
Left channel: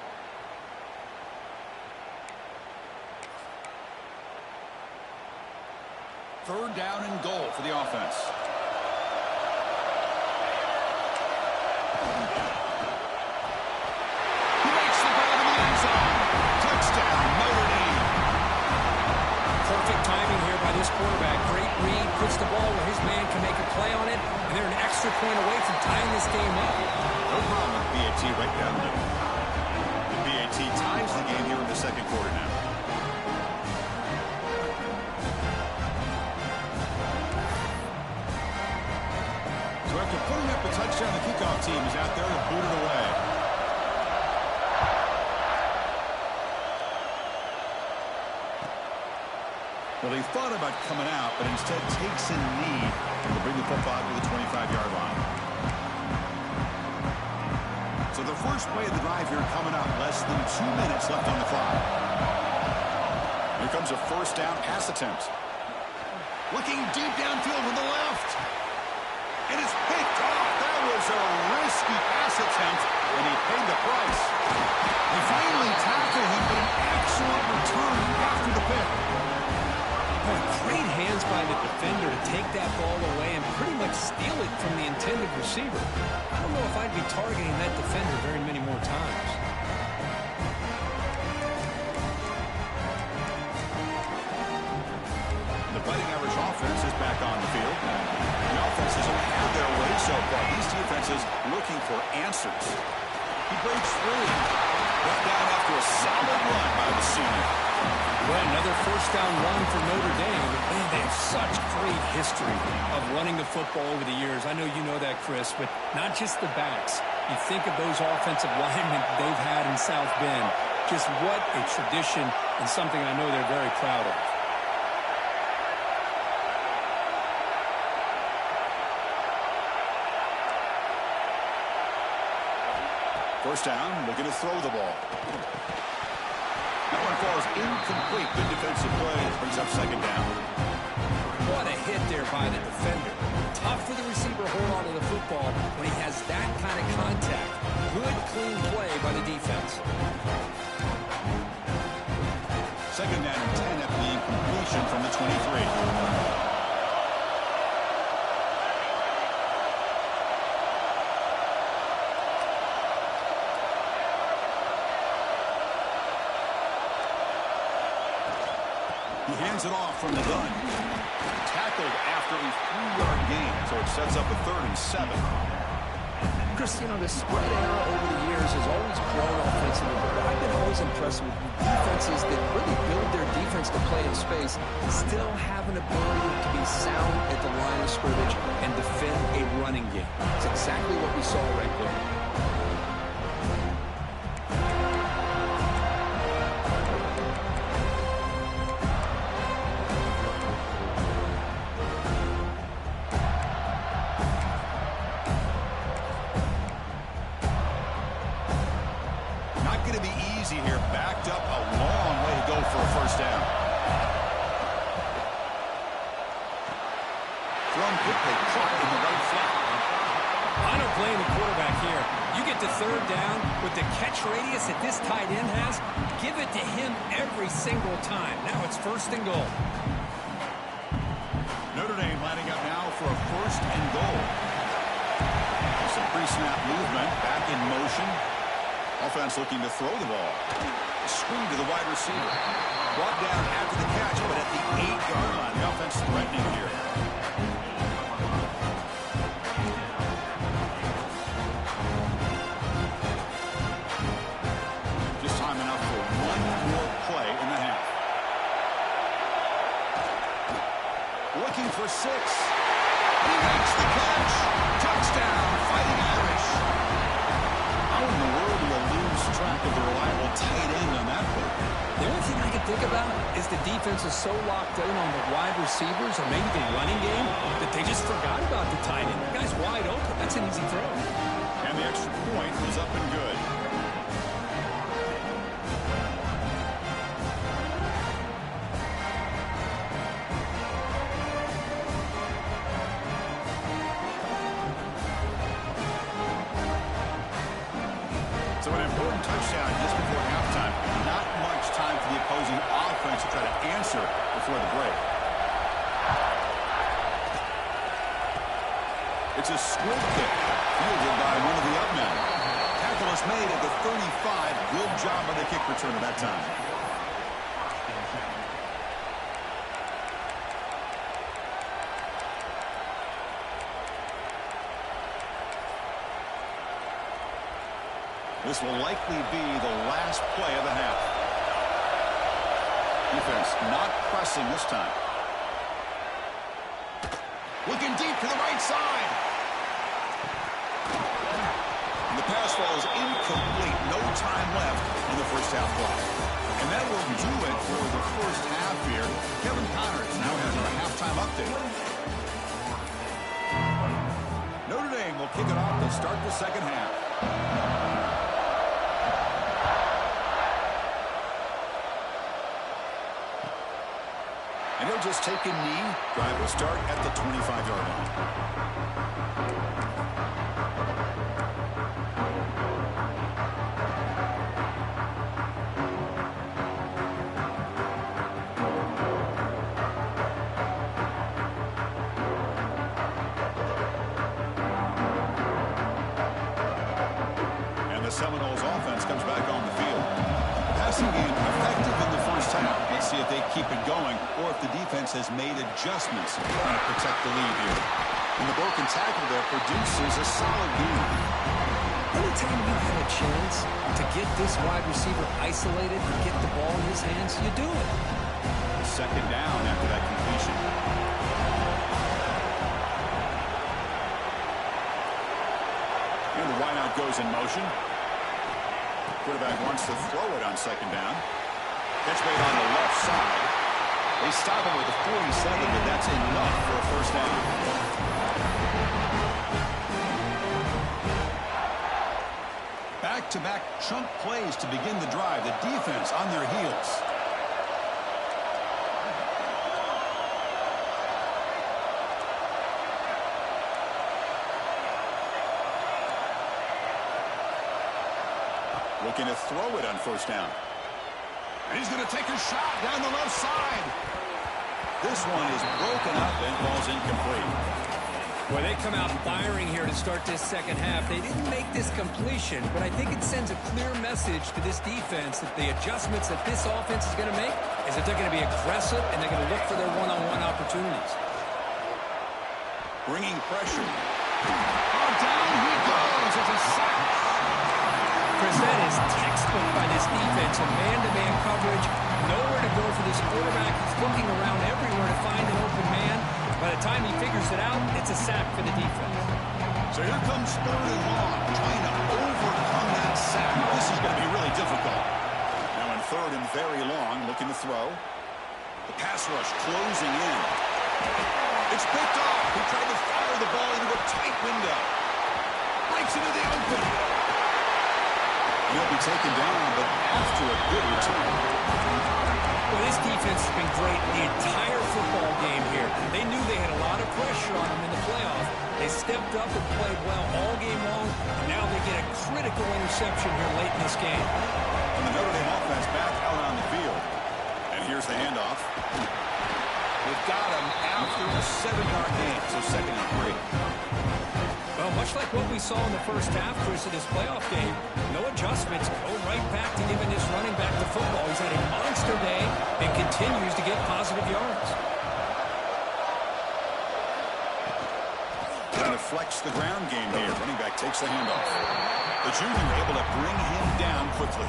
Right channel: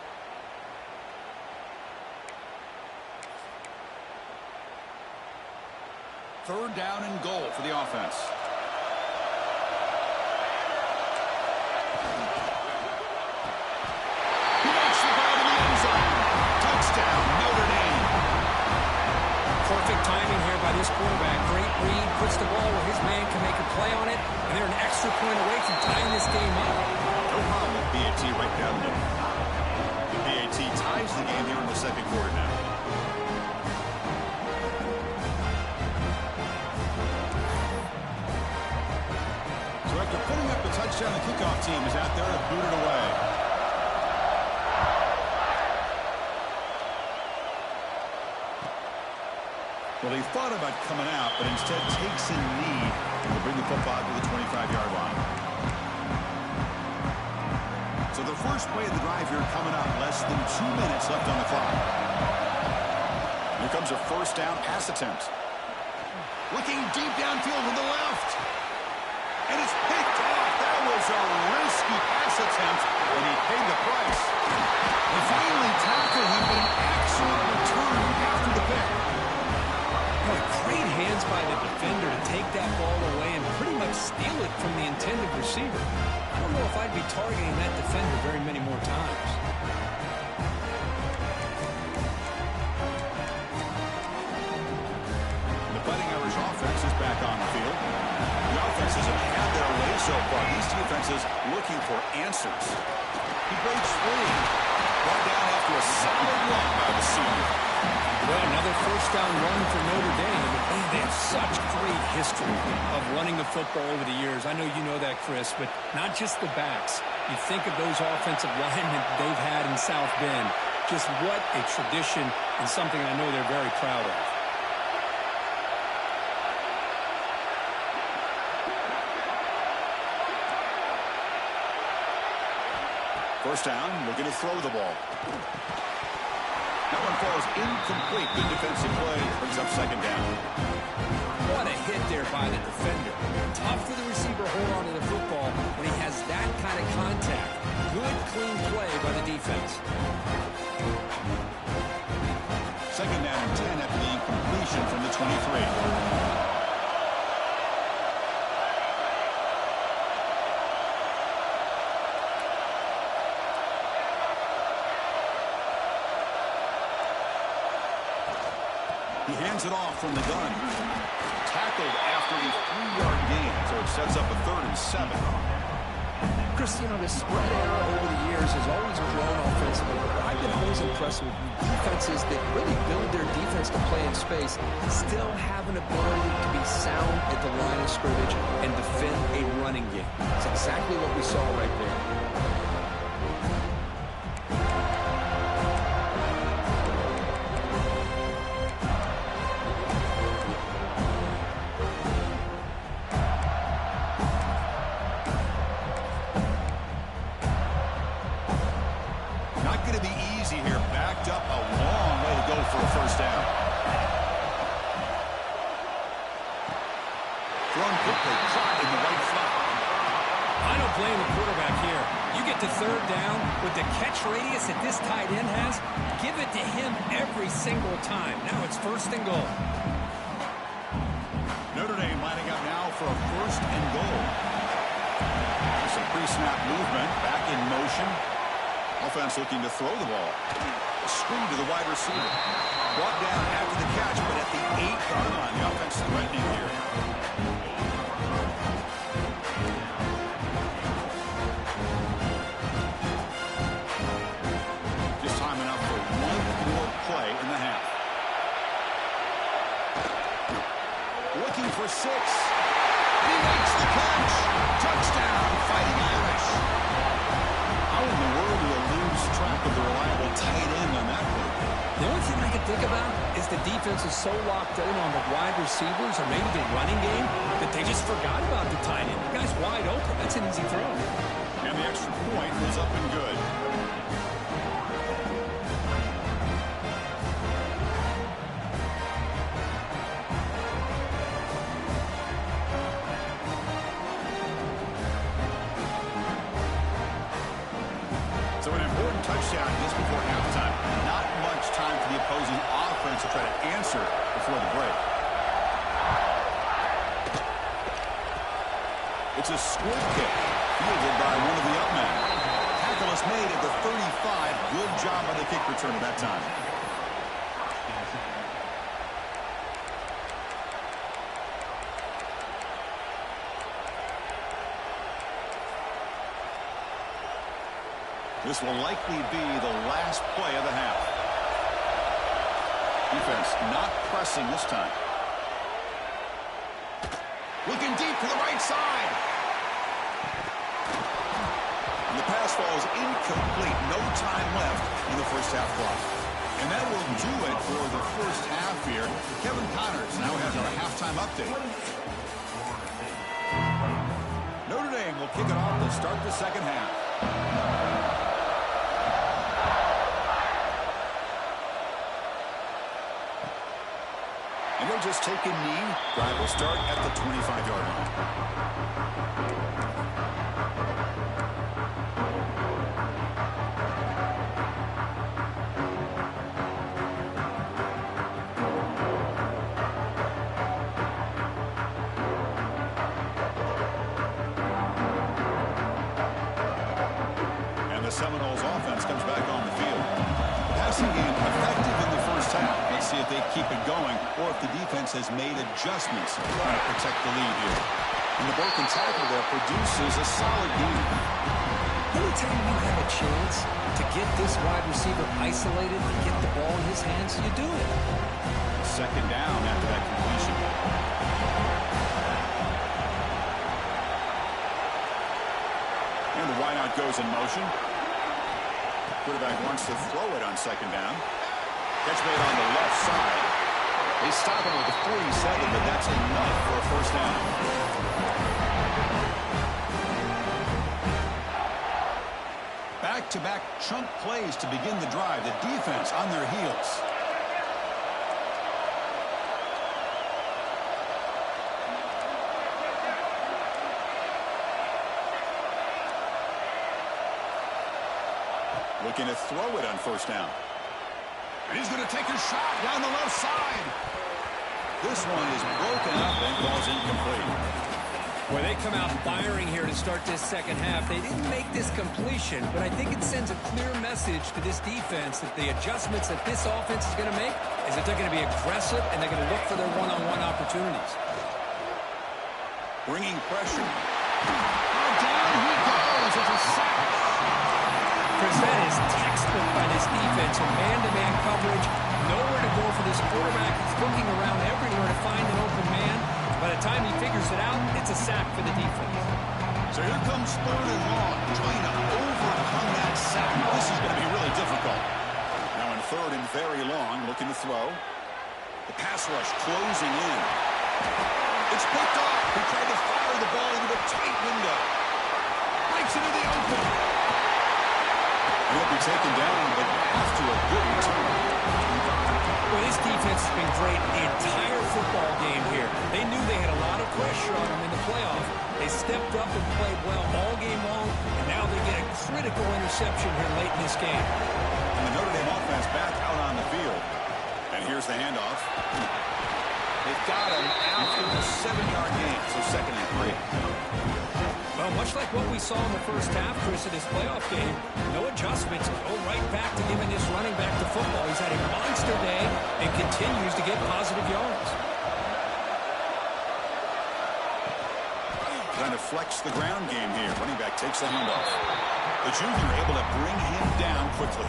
Third down and goal for the offense. He makes the grab in the end zone. Touchdown, Notre Dame. Perfect timing here by this quarterback. Great read, puts the ball where his man can make a play on it, and they're an extra point away from tying this game up. No problem with BAT right down the middle. The BAT ties the game here in the second quarter now. So after putting up a touchdown, the kickoff team is out there to boot it away. Well, he thought about coming out, but instead takes a knee to bring the football to the 25-yard line. So the first play of the drive here coming up, less than 2 minutes left on the clock. Here comes a first down pass attempt. Looking deep downfield to the left. And it's picked off. That was a risky pass attempt, and he paid the price. They finally tackled him, but an excellent return after the pick. Boy, great hands by the defender to take that ball away and pretty much steal it from the intended receiver. I don't know if I'd be targeting that defender very many more times. The Fighting Irish offense is back on the field. The offenses have had their way so far. These defenses looking for answers. He breaks free. Brought down after a solid run by the senior. Well, another first down run for Notre Dame. Man, they have such great history of running the football over the years. I know you know that, Chris, but not just the backs. You think of those offensive linemen they've had in South Bend. Just what a tradition and something I know they're very proud of. First down, looking to throw the ball. That one falls incomplete. Good defensive play. Brings up second down. What a hit there by the defender. Tough for the receiver to hold on to the football when he has that kind of contact. Good, clean play by the defense. Second down and 10 after the incompletion from the 23. He hands it off from the gun. Tackled after a 3-yard gain, so it sets up a 3rd and 7. Chris, you know, the spread era over the years has always grown offensively, but I've been always impressed with defenses that really build their defense to play in space, still have an ability to be sound at the line of scrimmage and defend a running game. It's exactly what we saw right there. Not going to be easy here. Backed up a long way to go for a first down. Thrown quickly, caught in the right flat. I don't blame the quarterback here. You get to third down with the catch radius that this tight end has, give it to him every single time. Now it's 1st and goal. Notre Dame lining up now for a 1st and goal. Some pre-snap movement, back in motion. Offense looking to throw the ball. A screen to the wide receiver. Brought down after the catch, but at the 8-yard line. The offense threatening here. Just time enough for one more play in the half. Looking for 6. And he makes the catch. Touchdown, Fighting Irish. How in the world do you lose track of the reliable tight end on that play? The only thing I can think about is the defense is so locked in on the wide receivers or maybe the running game that they just forgot about the tight end. The guy's wide open. That's an easy throw. And the extra point was up and good. So an important touchdown just before halftime. Not much time for the opposing offense to try to answer before the break. It's a squib kick fielded by one of the up men. Tackle is made at the 35. Good job by the kick return at that time. This will likely be the last play of the half. Defense not pressing this time. Looking deep to the right side. And the pass falls incomplete. No time left in the first half clock. And that will do it for the first half here. Kevin Connors now has our halftime update. Notre Dame will kick it off to start the second half. And he'll just take a knee. Drive will start at the 25-yard line. And the Seminoles offense comes back on the field. Passing game effective in the first half. Let's see if they keep it going or if the defense has made adjustments trying to protect the lead here. And the broken tackle there produces a solid game. Anytime you have a chance to get this wide receiver isolated and get the ball in his hands, you do it. Second down after that completion. And the wideout goes in motion. Quarterback wants to throw it on second down. Catch made on the left side. They stop him with the 47, but that's enough for a first down. Back-to-back chunk plays to begin the drive. The defense on their heels. Looking to throw it on first down. And he's going to take a shot down the left side. This one is broken up and falls incomplete. Boy, they come out firing here to start this second half. They didn't make this completion, but I think it sends a clear message to this defense that the adjustments that this offense is going to make is that they're going to be aggressive and they're going to look for their one-on-one opportunities. Bringing pressure. Oh, down he goes. It's a sack. Chris, that is textbook by this defense in man-to-man coverage. Nowhere to go for this quarterback. He's looking around everywhere to find an open man. By the time he figures it out, it's a sack for the defense. So here comes third and long, trying to overcome that sack. This is going to be really difficult. Now in third and very long, looking to throw. The pass rush closing in. It's picked off. He tried to fire the ball into a tight window. Breaks into the open. And he'll be taken down, but after a good return. Well, this defense has been great the entire football game here. They knew they had a lot of pressure on them in the playoff. They stepped up and played well all game long, and now they get a critical interception here late in this game. And And the Notre Dame offense back out on the field. And here's the handoff. They've got him after a 7-yard gain, so 2nd and 3. Well, much like what we saw in the first half, Chris, of this playoff game, no adjustments. Go right back to giving this running back the football. He's had a monster day and continues to get positive yards. Trying to flex the ground game here. Running back takes the handoff. The junior able to bring him down quickly.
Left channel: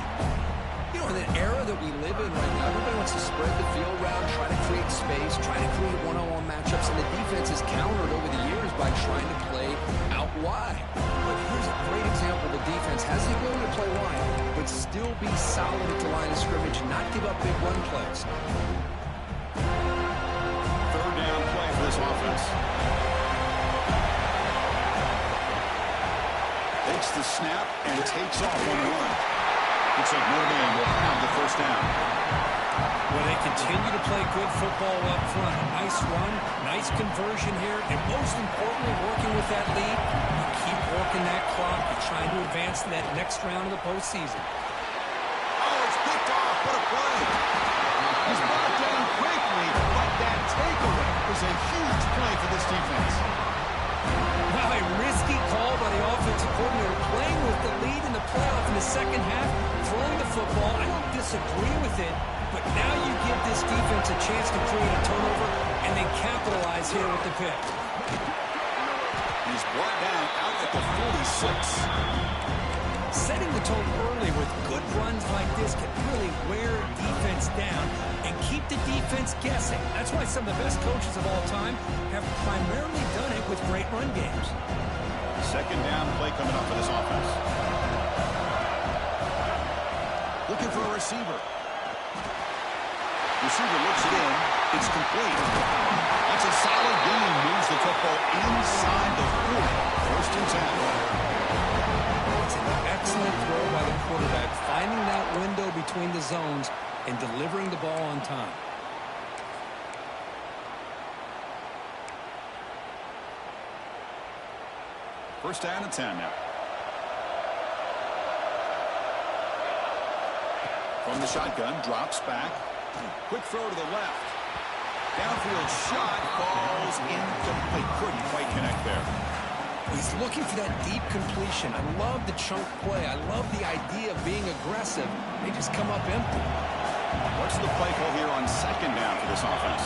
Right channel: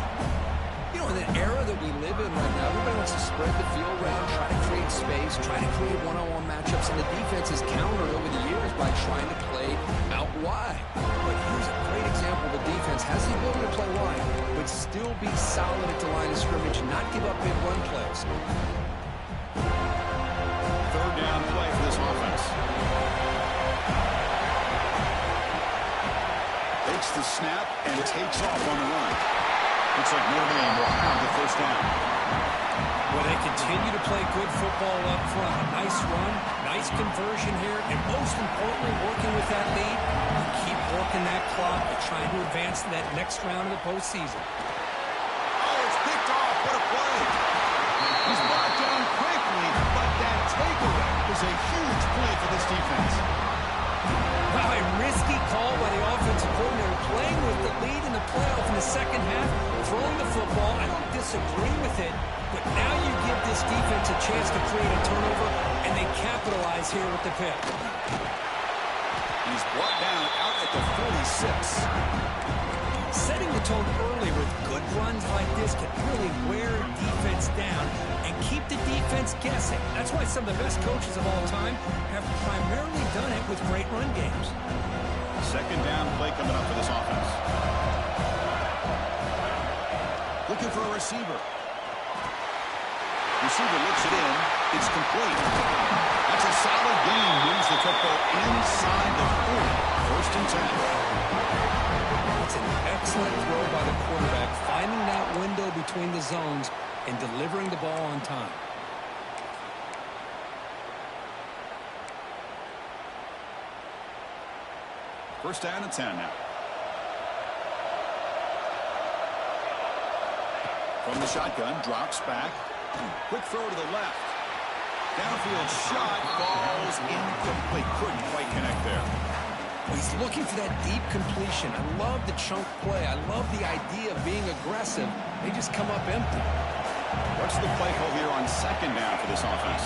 You know, in the era that we live in right now, everybody wants to spread the field around, try to create space, try to create one-on-one matchups, and the defense has countered over the years by trying to play out wide. But here's a great example. The defense has the ability to play wide, but still be solid at the line of scrimmage, not give up big run plays. 3rd down play for this offense. Takes the snap and takes off on the run. Looks like Notre Dame will have the 1st down. Well, they continue to play good football up front. A nice run, nice conversion here, and most importantly, working with that lead, you keep working that clock. You're trying to advance to that next round of the postseason. Oh, it's picked off. What a play. He's brought down quickly, but that takeaway was a huge play for this defense. Wow, a risky call by the offensive coordinator, playing with the lead in the playoff in the second half, throwing the football. I don't disagree with it, but now you give this defense a chance to create a turnover, and they capitalize here with the pick. He's brought down out at the 46. Setting the tone early with good runs like this can really wear defense down and keep the defense guessing. That's why some of the best coaches of all time have primarily done it with great run games. 2nd down play coming up for this offense. Looking for a receiver. Receiver looks it in. It's complete. That's a solid gain. Moves the football inside the 40. 1st and 10. It's an excellent throw by the quarterback, finding that window between the zones and delivering the ball on time. First down and 10 now. From the shotgun, drops back. Quick throw to the left. Downfield shot falls incomplete. Couldn't quite connect there. Well, he's looking for that deep completion. I love the chunk play. I love the idea of being aggressive. They just come up empty. What's the play call here on 2nd down for this offense?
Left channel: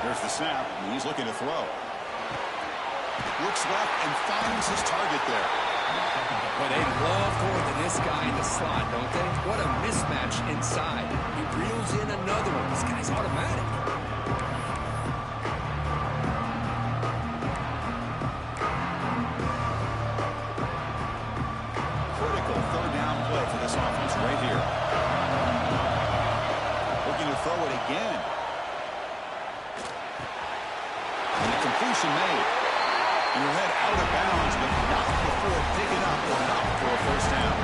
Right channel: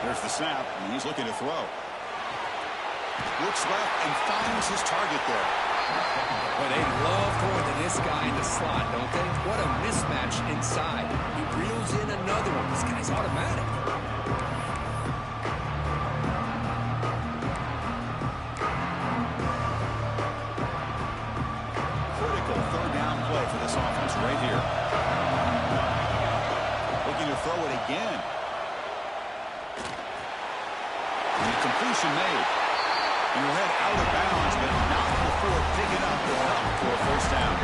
There's the snap, and he's looking to throw. Looks left and finds his target there. Well, they love going to this guy in the slot, don't they? What a mismatch inside. He reels in another one. This guy's automatic. Critical 3rd down play for this offense right here. Looking to throw it again. And the completion made. And he'll head out of bounds, but not before picking up enough for a 1st down.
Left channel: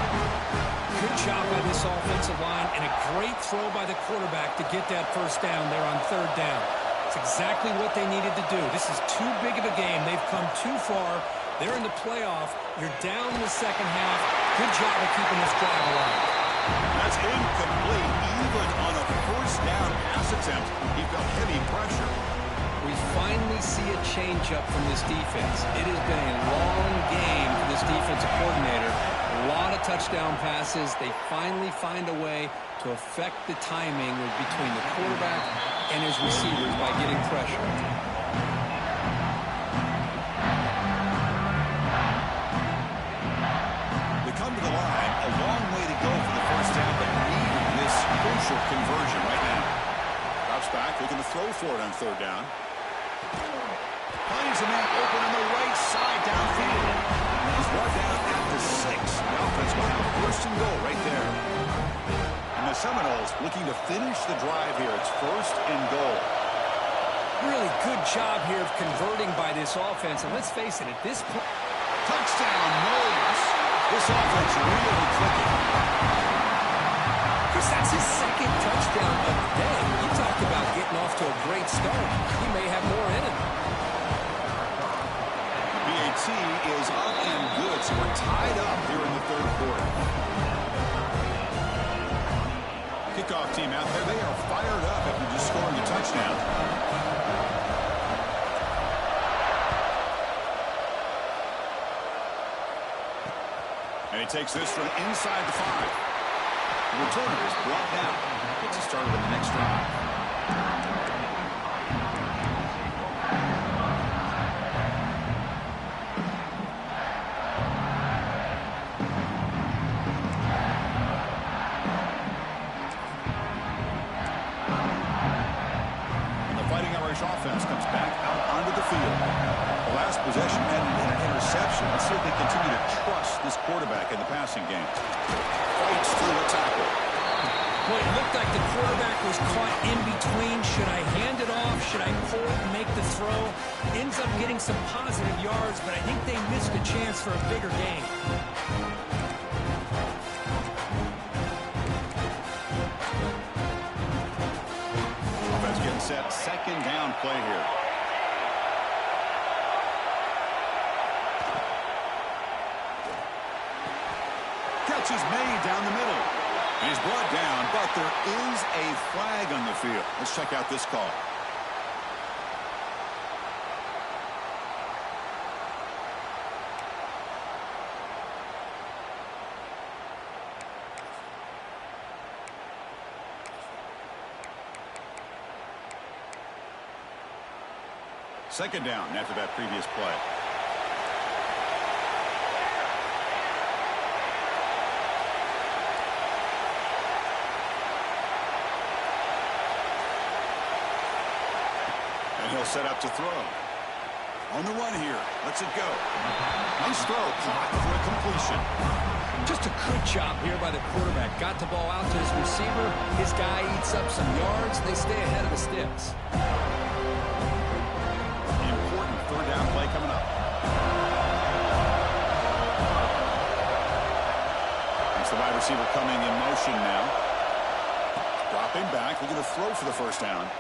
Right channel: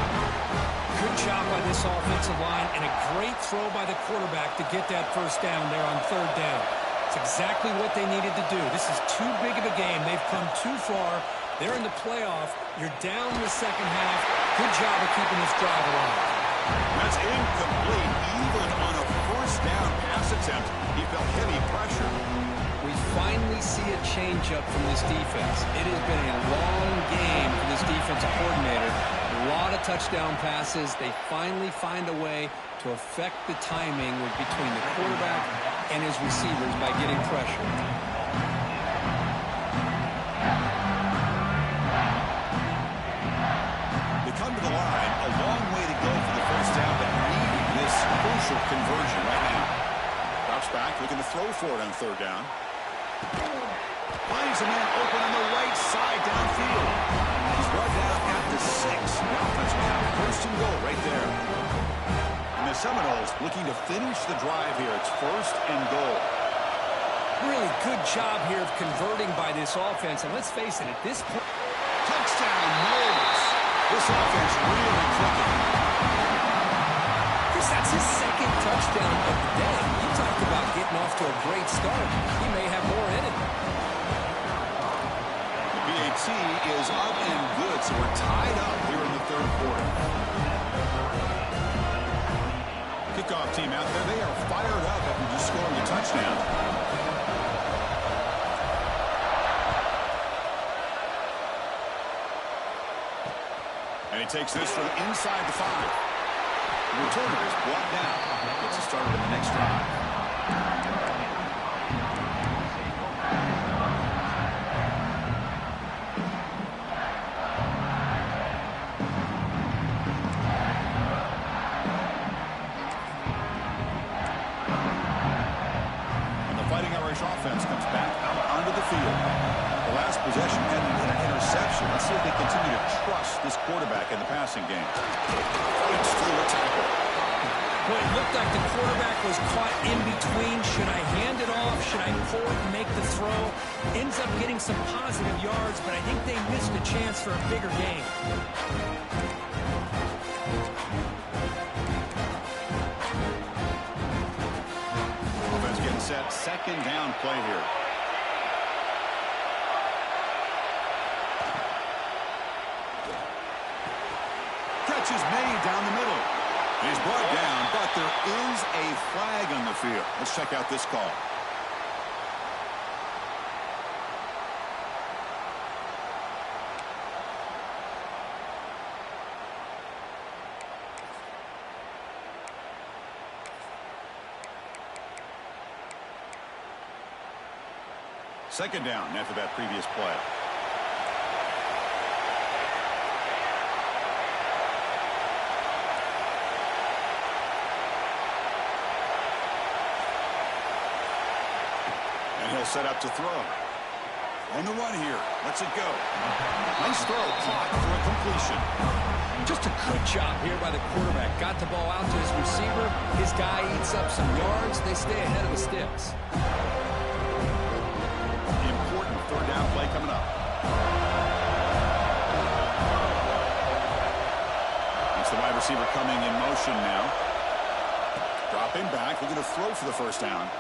Good job by this offensive line and a great throw by the quarterback to get that 1st down there on 3rd down. It's exactly what they needed to do. This is too big of a game. They've come too far. They're in the playoff. You're down in the second half. Good job of keeping this drive alive. That's incomplete. Even on a 1st down pass attempt, he felt heavy pressure. We finally see a change-up from this defense. It has been a long game for this defensive coordinator. A lot of touchdown passes. They finally find a way to affect the timing between the quarterback and his receivers by getting pressure. They come to the line. A long way to go for the 1st down, but need this crucial conversion right now. Drops back, looking to throw for it on 3rd down. Finds a man open on the right side downfield. He's brought down at the 6. The offense will have 1st and goal right there. And the Seminoles looking to finish the drive here. It's 1st and goal. Really good job here of converting by this offense. And let's face it, at this point... Touchdown, Knowles. This offense really clicking. Chris, that's his 2nd touchdown of the day. You talk about getting off to a great start. He may have more in him. The PAT is up and good, so we're tied up here in the 3rd quarter. kickoff team out there, they are fired up after just scoring a touchdown. And he takes this from inside the 5. The returner is brought down. Gets it started in the next drive. Offense comes back out onto the field. The last possession ended in an interception. Let's see if they continue to trust this quarterback in the passing game. Fights through a tackle. Well, it looked like the quarterback was caught in between. Should I hand it off? Should I pull it and make the throw? Ends up getting some positive yards, but I think they missed a chance for a bigger gain. Set second down play here. Catch is made down the middle. He's brought down, but there is a flag on the field. Let's check out this call. Second down after that previous play. And he'll set up to throw. On the run here. Lets it go. Nice throw. Caught for a completion. Just a good job here by the quarterback. Got the ball out to his receiver. His guy eats up some yards. They stay ahead of the sticks. Third down play coming up. It's the wide receiver coming in motion now. Dropping back, looking to throw for the first down.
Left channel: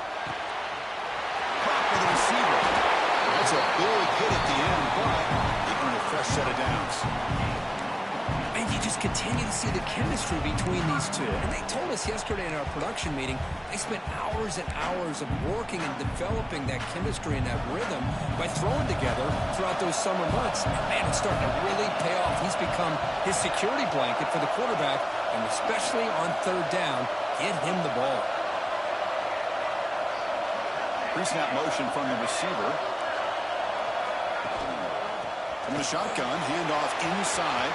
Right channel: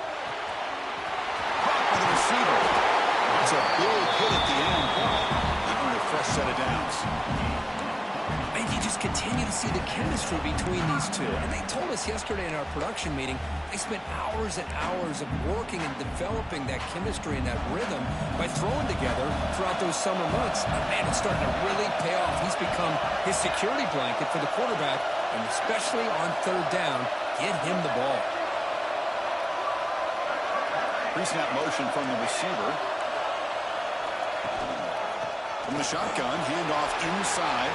Blocked by the receiver. That's a big hit at the end, but he earned a fresh set of downs. And you just continue to see the chemistry between these two. And they told us yesterday in our production meeting, they spent hours and hours of working and developing that chemistry and that rhythm by throwing together throughout those summer months. And man, it's starting to really pay off. He's become his security blanket for the quarterback, and especially on third down, get him the ball. Pre-snap motion from the receiver. From the shotgun, handoff inside.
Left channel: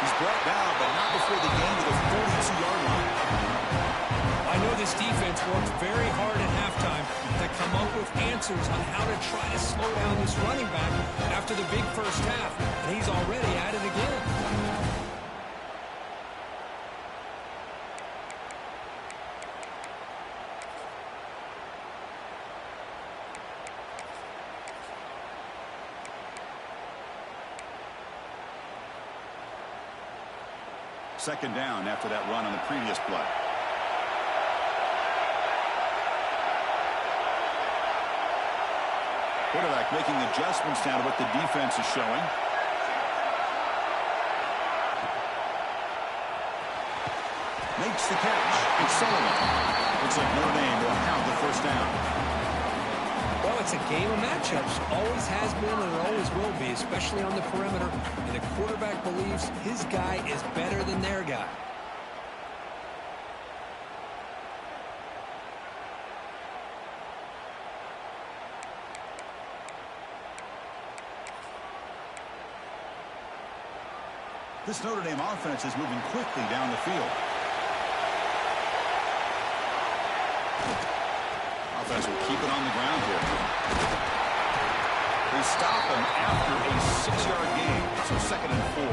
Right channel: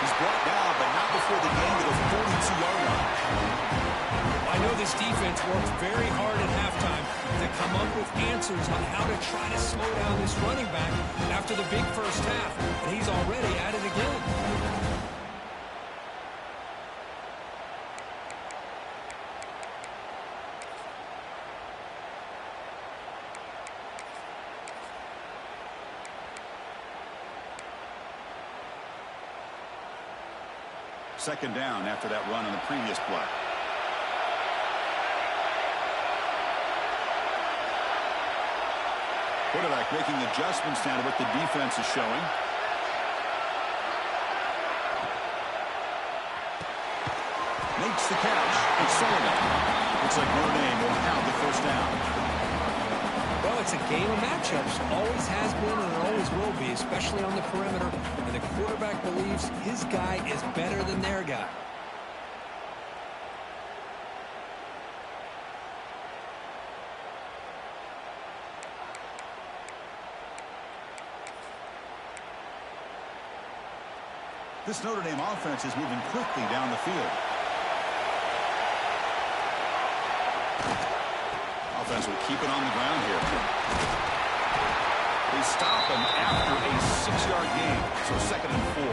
He's brought down, but not before the gain to the 42-yard line. I know this defense worked very hard at halftime to come up with answers on how to try to slow down this running back after the big first half, and he's already at it again. Second down after that run on the previous play. Quarterback making adjustments now to what the defense is showing. Makes the catch. It's Sullivan. Looks like Notre Dame will have the first down. Well, it's a game of matchups. Always has been and it always will be, especially on the perimeter. And the quarterback believes his guy is better than their guy. This Notre Dame offense is moving quickly down the field. Offense will keep it on the ground here. They stop him after a 6-yard gain, so 2nd and 4.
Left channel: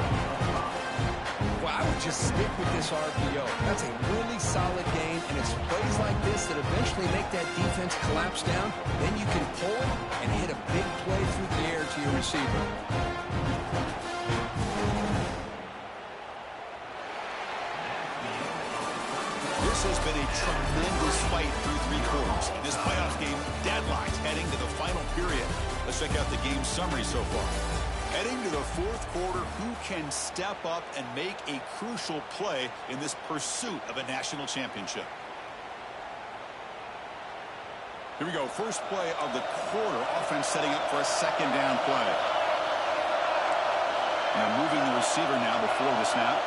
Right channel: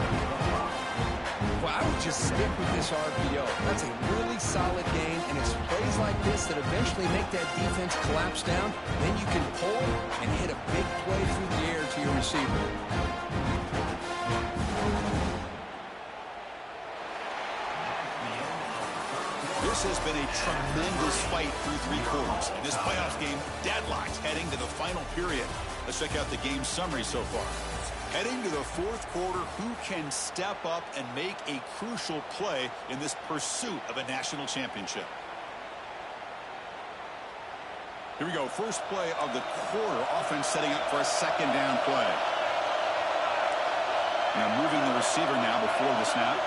Well, I would just stick with this RPO. That's a really solid gain, and it's plays like this that eventually make that defense collapse down. Then you can pull it and hit a big play through the air to your receiver. This has been a tremendous fight through 3 quarters. In this playoff game, deadlocked heading to the final period. Let's check out the game summary so far. Heading to the fourth quarter, who can step up and make a crucial play in this pursuit of a national championship? Here we go. First play of the quarter. Offense setting up for a second down play. Now moving the receiver now before the snap.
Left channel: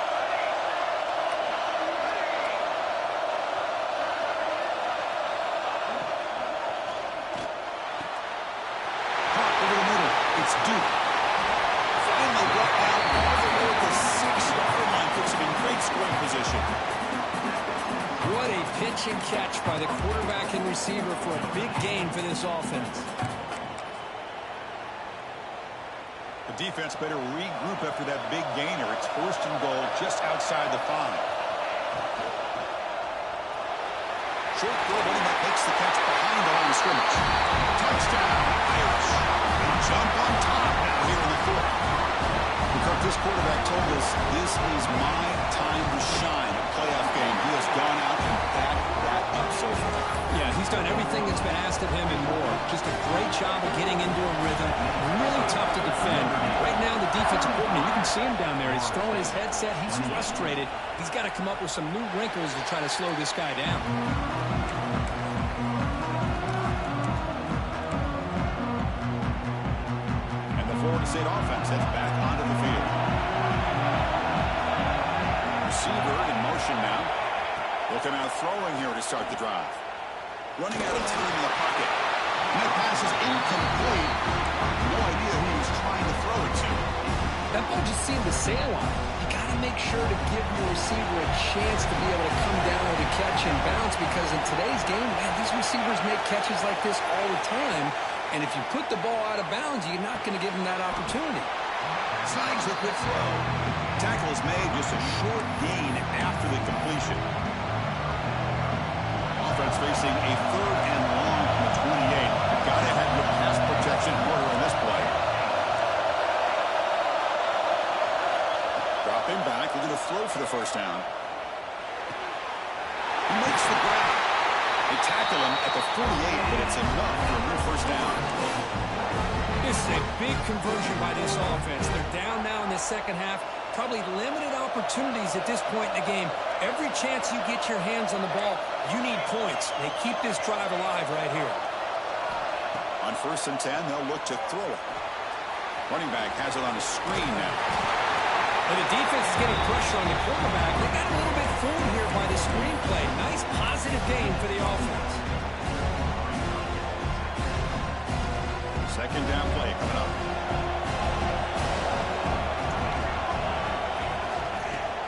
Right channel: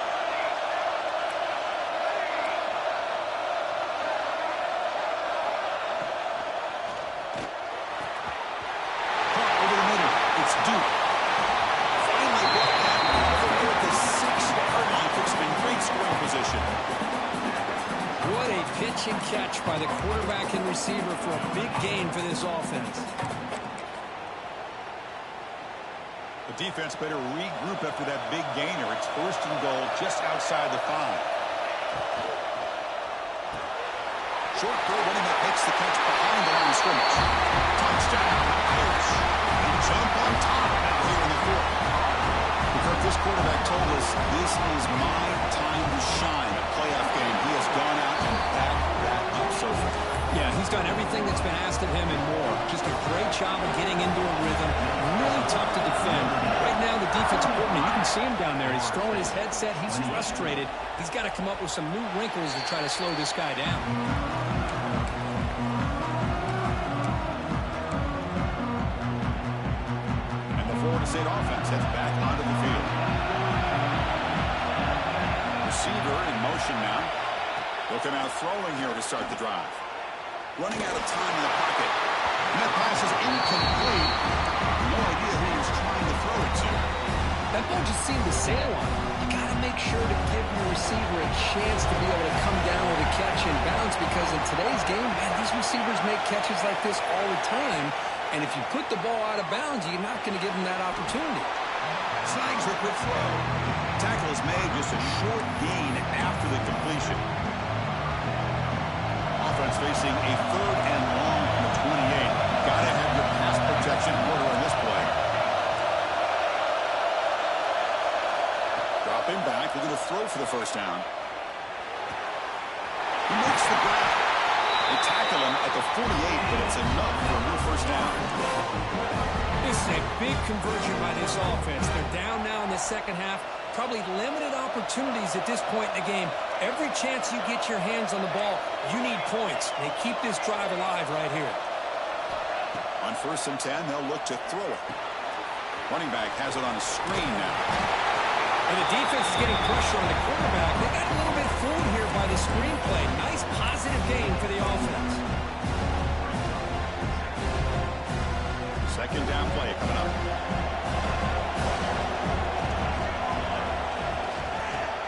Caught over the middle. It's Duke. Finally brought down all the way at the 6-yard line. Puts him in great scoring position. What a pitch and catch by the quarterback and receiver for a big gain for this offense. The defense better regroup after that big gainer. It's first and goal just outside the 5. Short throw, running back makes the catch behind the line of scrimmage. Touchdown, Irish. They jump on top now here in the fourth. Kirk, this quarterback told us this is my time to shine, a playoff game. He has gone out and backed that up so far. Yeah, he's done everything that's been asked of him and more. Just a great job of getting into a rhythm. Really tough to defend. Right now, the defensive coordinator, you can see him down there. He's throwing his headset. He's frustrated. He's got to come up with some new wrinkles to try to slow this guy down. Florida State offense heads back onto the field. Receiver in motion now. They'll come out throwing here to start the drive. Running out of time in the pocket. And that pass is incomplete. No idea who he was trying to throw it to. That ball just seemed to sail on him. You got to make sure to give your receiver a chance to be able to come down with a catch and bounce, because in today's game, man, these receivers make catches like this all the time. And if you put the ball out of bounds, you're not going to give them that opportunity. Snags the quick throw. Tackle is made, just a short gain after the completion. Offense facing a third and long from the 28. Got to have your pass protection in order in this play. Dropping back, looking to throw for the first down. He makes the grab. They tackle him at the 48, but it's enough for a new first down. This is a big conversion by this offense. They're down now in the second half. Probably limited opportunities at this point in the game. Every chance you get your hands on the ball, you need points. They keep this drive alive right here. On 1st and 10, they'll look to throw it. Running back has it on a screen now. And the defense is getting pressure on the quarterback. They got a little bit fooled here by the screenplay. Nice positive gain for the offense. Second down play coming up.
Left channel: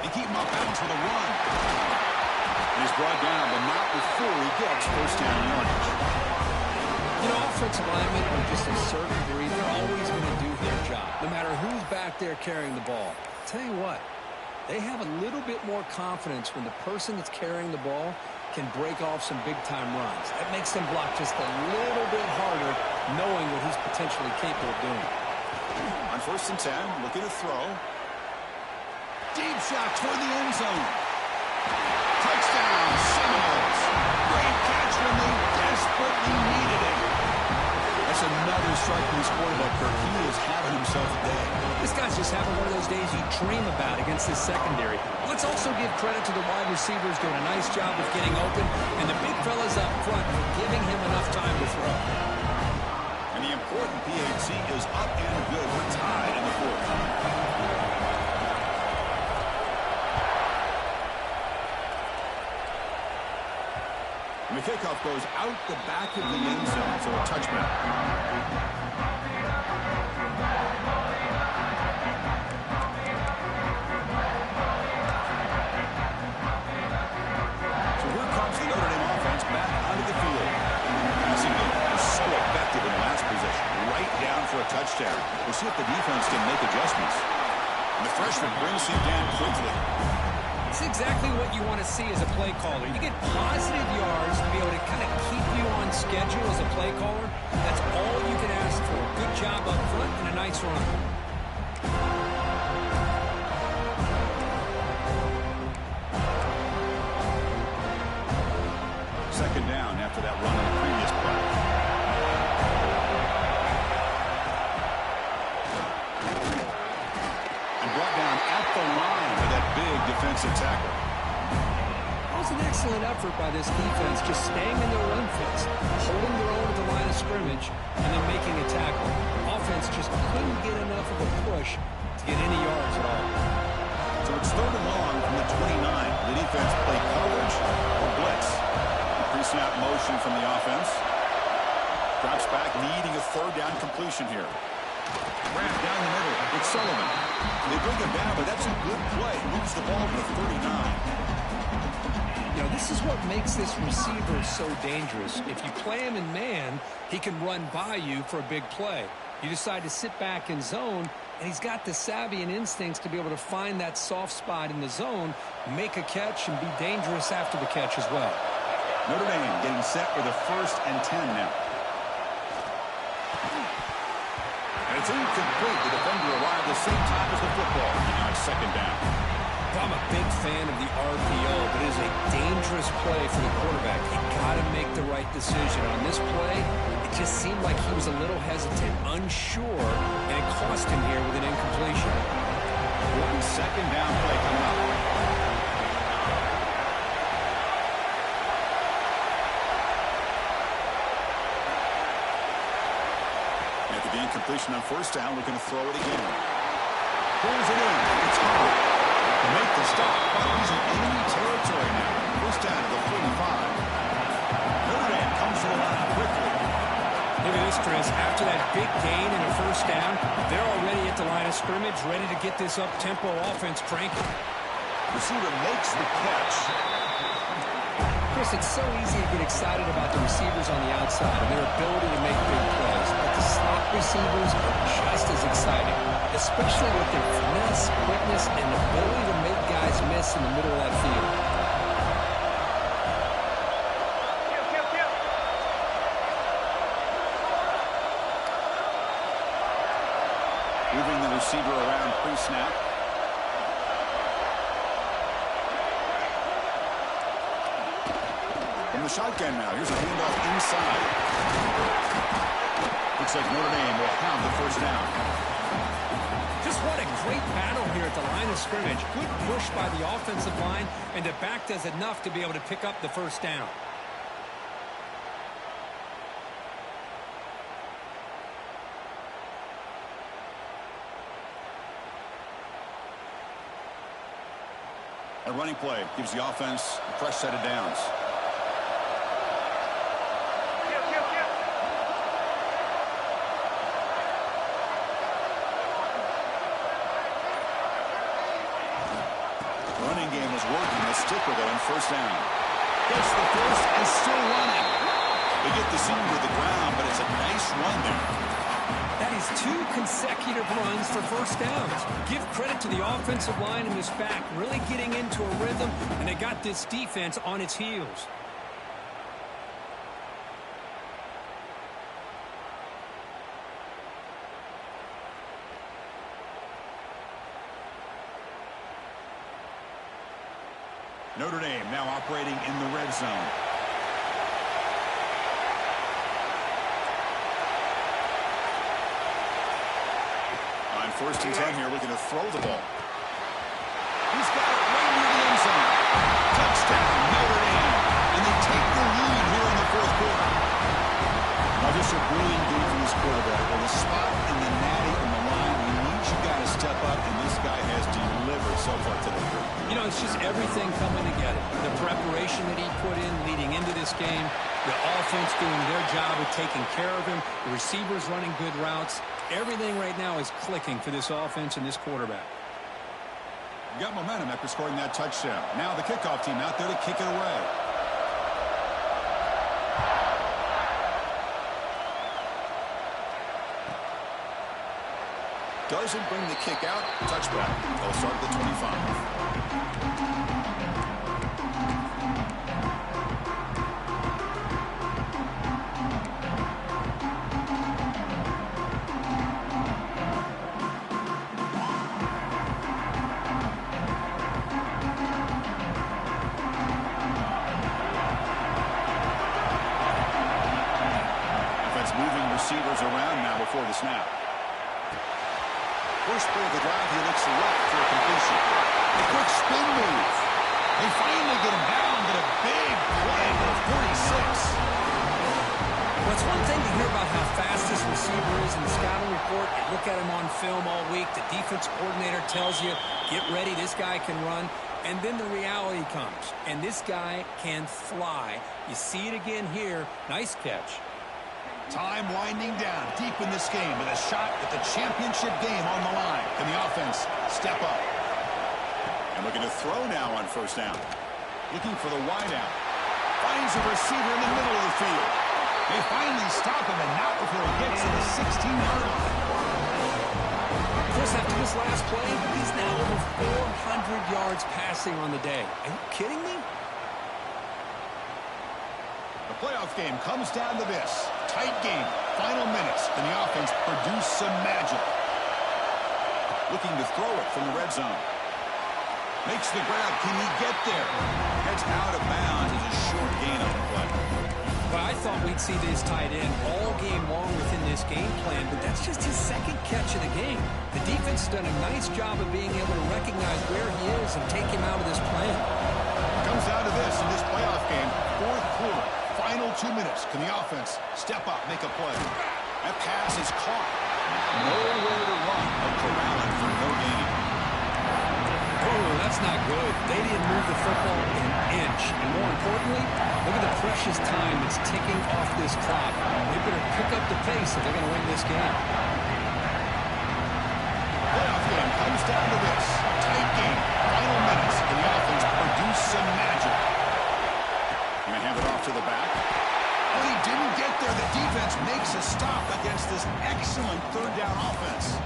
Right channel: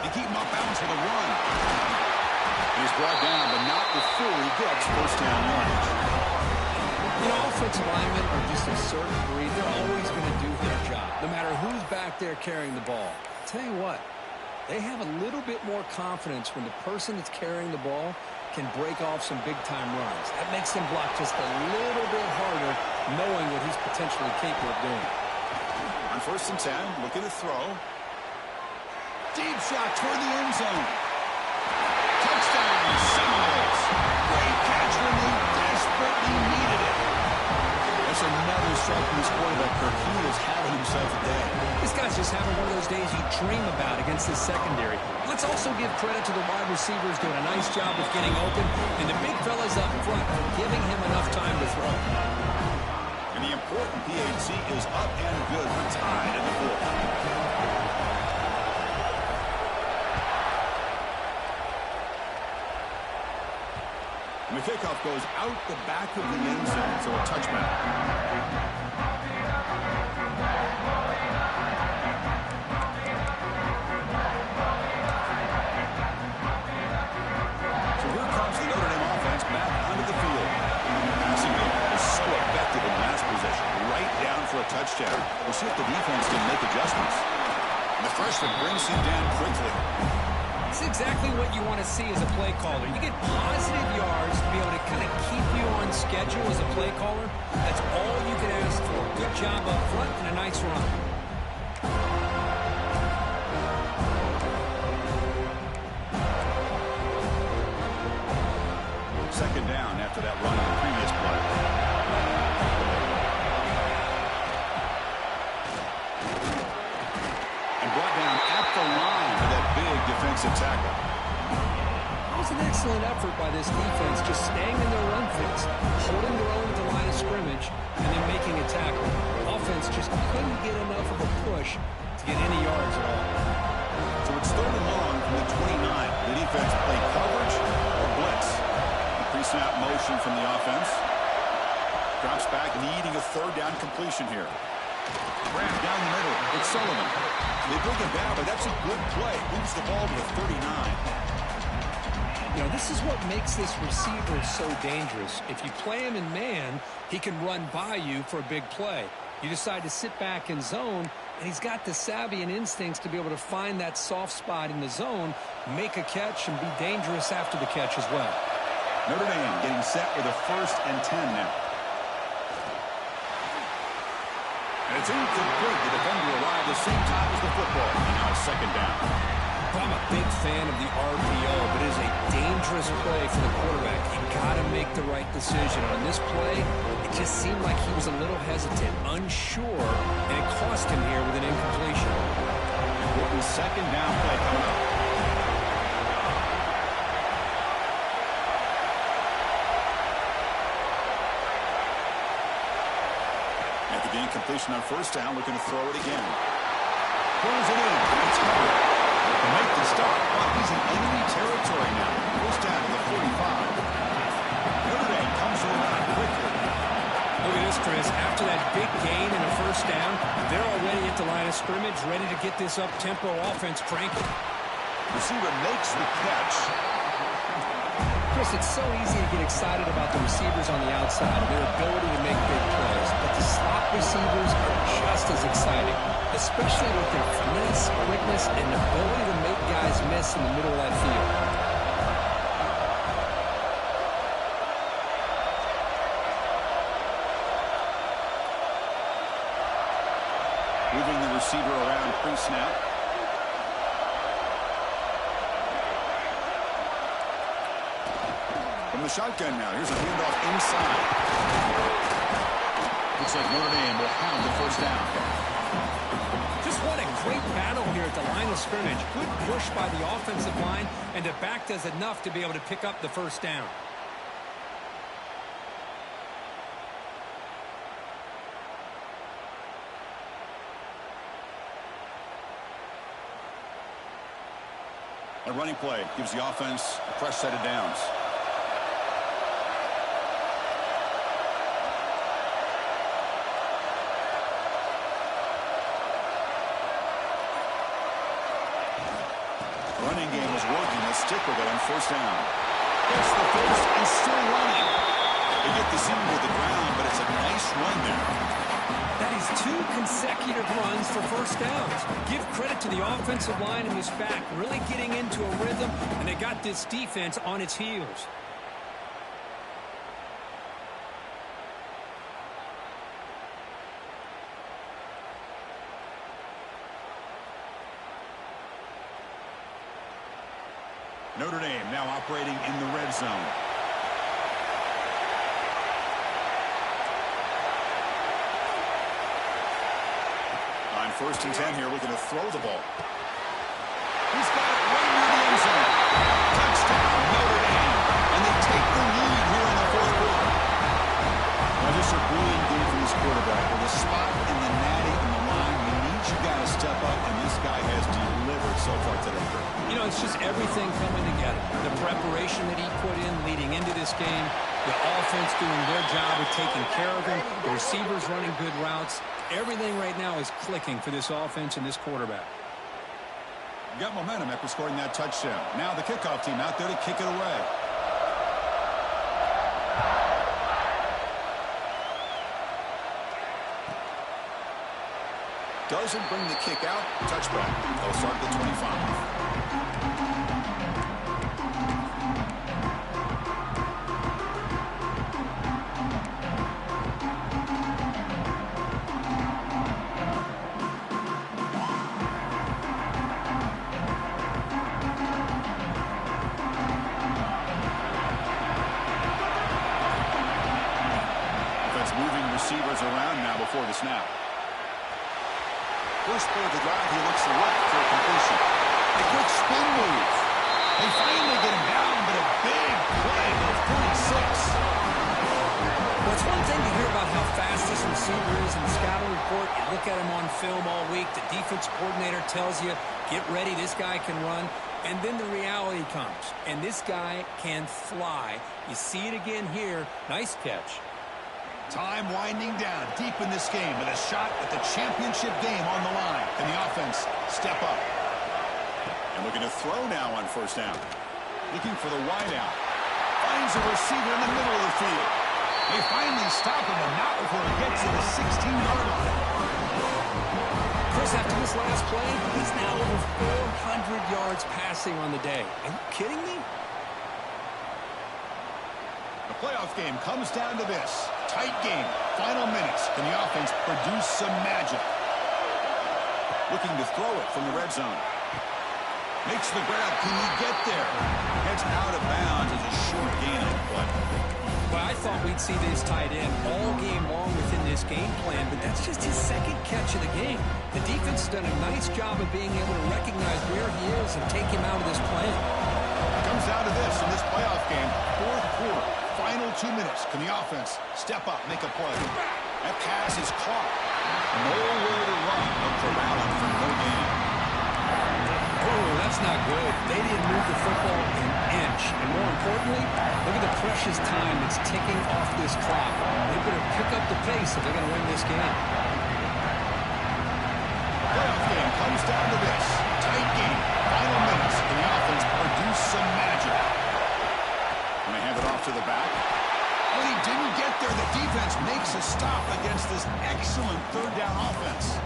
They keep him off balance with a run. And he's brought down, but not before he gets first down yardage. You know, offensive linemen are just a certain breed. They're always going to do their job, no matter who's back there carrying the ball. Tell you what, they have a little bit more confidence when the person that's carrying the ball can break off some big-time runs. That makes them block just a little bit harder, knowing what he's potentially capable of doing. On 1st and 10, looking to throw. Deep shot toward the end zone. Touchdown, Seminoles. Great catch when they desperately needed it. That's another strike from this quarterback, Kirk. He is having himself a day. This guy's just having one of those days you dream about against this secondary. Let's also give credit to the wide receivers doing a nice job of getting open, and the big fellas up front are giving him enough time to throw. And the important PAT is up and good. We're tied in the fourth. And the kickoff goes out the back of the end zone, so a touchback. So here comes the Notre Dame offense back onto the field. Passing game was so effective in the last possession. Right down for a touchdown. We'll see if the defense can make adjustments. And the freshman brings him down quickly. It's exactly what you want to see as a play caller. You get positive yards to be able to kind of keep you on schedule as a play caller. That's all you can ask for. Good job up front and a nice run. Second down after that run on the previous play. brought down at the line by that big defensive tackle. That was an excellent effort by this defense, just staying in their run fits, holding their own at the line of scrimmage, and then making a tackle. The offense just couldn't get enough of a push to get any yards at all. So it's 3rd and long from the 29. The defense play coverage or blitz. Pre-snap motion from the offense. Drops back, needing a 3rd down completion here. Wrap down the middle. It's Sullivan. They bring him down, but that's a good play. Moves the ball to the 39. You know, this is what makes this receiver so dangerous. If you play him in man, he can run by you for a big play. You decide to sit back in zone, and he's got the savvy and instincts to be able to find that soft spot in the zone, make a catch, and be dangerous after the catch as well. Notre Dame getting set with a 1st and 10 now. And it's incomplete. The defender arrived the same time as the football. And now it's 2nd down. Well, I'm a big fan of the RPO, but it is a dangerous play for the quarterback. You got to make the right decision. On this play, it just seemed like he was a little hesitant, unsure, and it cost him here with an incompletion. Important 2nd down play coming up. After the incompletion on 1st down, looking to throw it again. Pulls it in. It's Hubbard. To make the stop, but he's in enemy territory now. 1st down to the 45. Notre Dame comes to the line quickly. Look at this, Chris. After that big gain and a 1st down, they're already at the line of scrimmage, ready to get this up-tempo offense cranking. Receiver makes the catch. Chris, it's so easy to get excited about the receivers on the outside and their ability to make big plays, but the slot receivers are just as exciting, especially with their finesse, quickness, and ability to make guys miss in the middle of that field. Moving the receiver around pre-snap. From the shotgun now. Here's a handoff inside. Looks like Notre Dame will have the 1st down. Just what a great battle here at the line of scrimmage. Good push by the offensive line, and the back does enough to be able to pick up the 1st down. A running play gives the offense a fresh set of downs. Running game is working. They'll stick with it on 1st down. Gets the 1st and still running. They get the seam to the ground, but it's a nice run there. That is 2 consecutive runs for 1st downs. Give credit to the offensive line and this back really getting into a rhythm, and they got this defense on its heels. Notre Dame now operating in the red zone. On 1st and 10 here, looking to throw the ball. He's got it right near the end zone. Touchdown, Notre Dame. And they take the lead here in the 4th quarter. Now, just a brilliant game from this quarterback. With a spot in the natty on the line, you need you got to step up, and this guy has delivered so far today. You know, it's just everything coming together. The preparation that he put in leading into this game, the offense doing their job of taking care of him, the receivers running good routes. Everything right now is clicking for this offense and this quarterback. Got momentum after scoring that touchdown. Now the kickoff team out there to kick it away. Doesn't bring the kick out. Touchback. They'll start at the 25. Moving receivers around now before the snap. First play of the drive, he looks left for a completion. A quick spin move. They finally get him down, but a big play to the 46. Well, it's one thing to hear about how fast this receiver is in the scouting report. You look at him on film all week. The defense coordinator tells you, get ready, this guy can run. And then the reality comes, and this guy can fly. You see it again here. Nice catch. Time winding down deep in this game with a shot at the championship game on the line. Can the offense step up? And looking to throw now on first down. Looking for the wideout. Finds a receiver in the middle of the field. They finally stop him, and not before he gets to the 16-yard line. Chris, after this last play, he's now over 400 yards passing on the day. Are you kidding me? The playoff game comes down to this. Tight game. Final minutes. Can the offense produce some magic? Looking to throw it from the red zone. Makes the grab. Can he get there? Gets out of bounds as a short gain on the play. But I thought we'd see this tight end all game long within this game plan, but that's just his second catch of the game. The defense has done a nice job of being able to recognize where he is and take him out of this plan. Comes down to this in this playoff game. Fourth quarter. Final 2 minutes. Can the offense step up, make a play? That pass is caught. Nowhere to run. They'll corral it for no gain. Oh, that's not good. They didn't move the football an inch. And more importantly, look at the precious time that's ticking off this clock. They better pick up the pace if they're going to win this game. The playoff game comes down to this. Tight game. Final minutes. Can the offense produce some magic? Going to hand it off to the back. Oh, he didn't get there. The defense makes a stop against this excellent third down offense.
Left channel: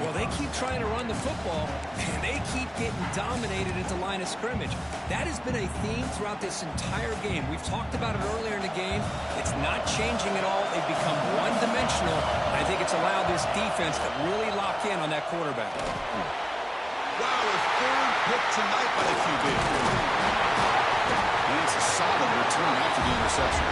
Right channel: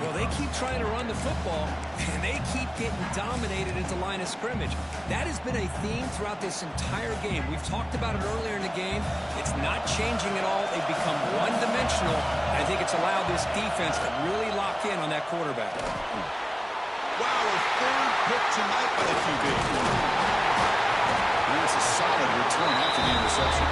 Well, they keep trying to run the football, and they keep getting dominated at the line of scrimmage. That has been a theme throughout this entire game. We've talked about it earlier in the game. It's not changing at all. They've become one-dimensional, and I think it's allowed this defense to really lock in on that quarterback. Wow, a third pick tonight by the QB. And that's a solid return after the interception.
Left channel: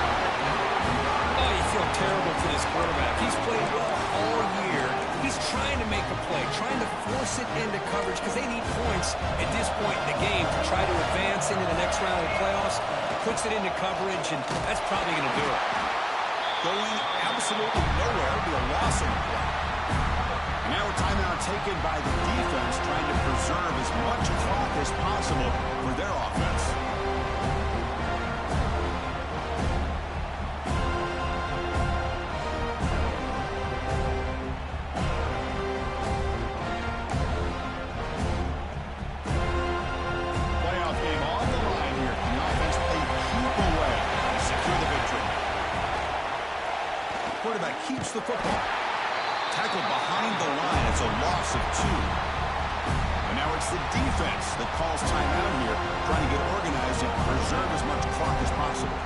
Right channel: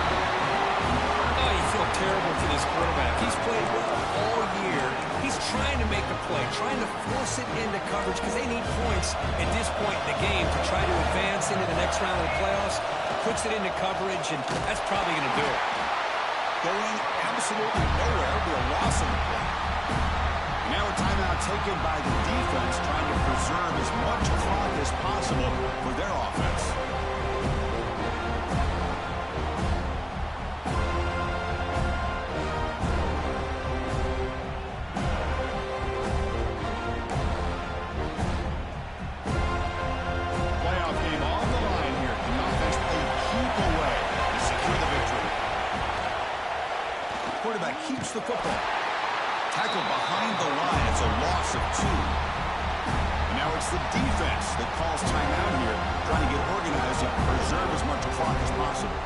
Oh, you feel terrible for this quarterback. He's played well all year. He's trying to make a play, trying to force it into coverage because they need points at this point in the game to try to advance into the next round of the playoffs. Puts it into coverage, and that's probably going to do it. Going absolutely nowhere will be a loss on the play. And now a timeout taken by the defense, trying to preserve as much clock as possible for their offense. Playoff game on the line here. Can the offense play keep away and secure the victory? The quarterback keeps the football. Tackled behind the line. It's a loss of 2. And now it's the defense that calls timeout here, trying to get organized and preserve as much clock as possible.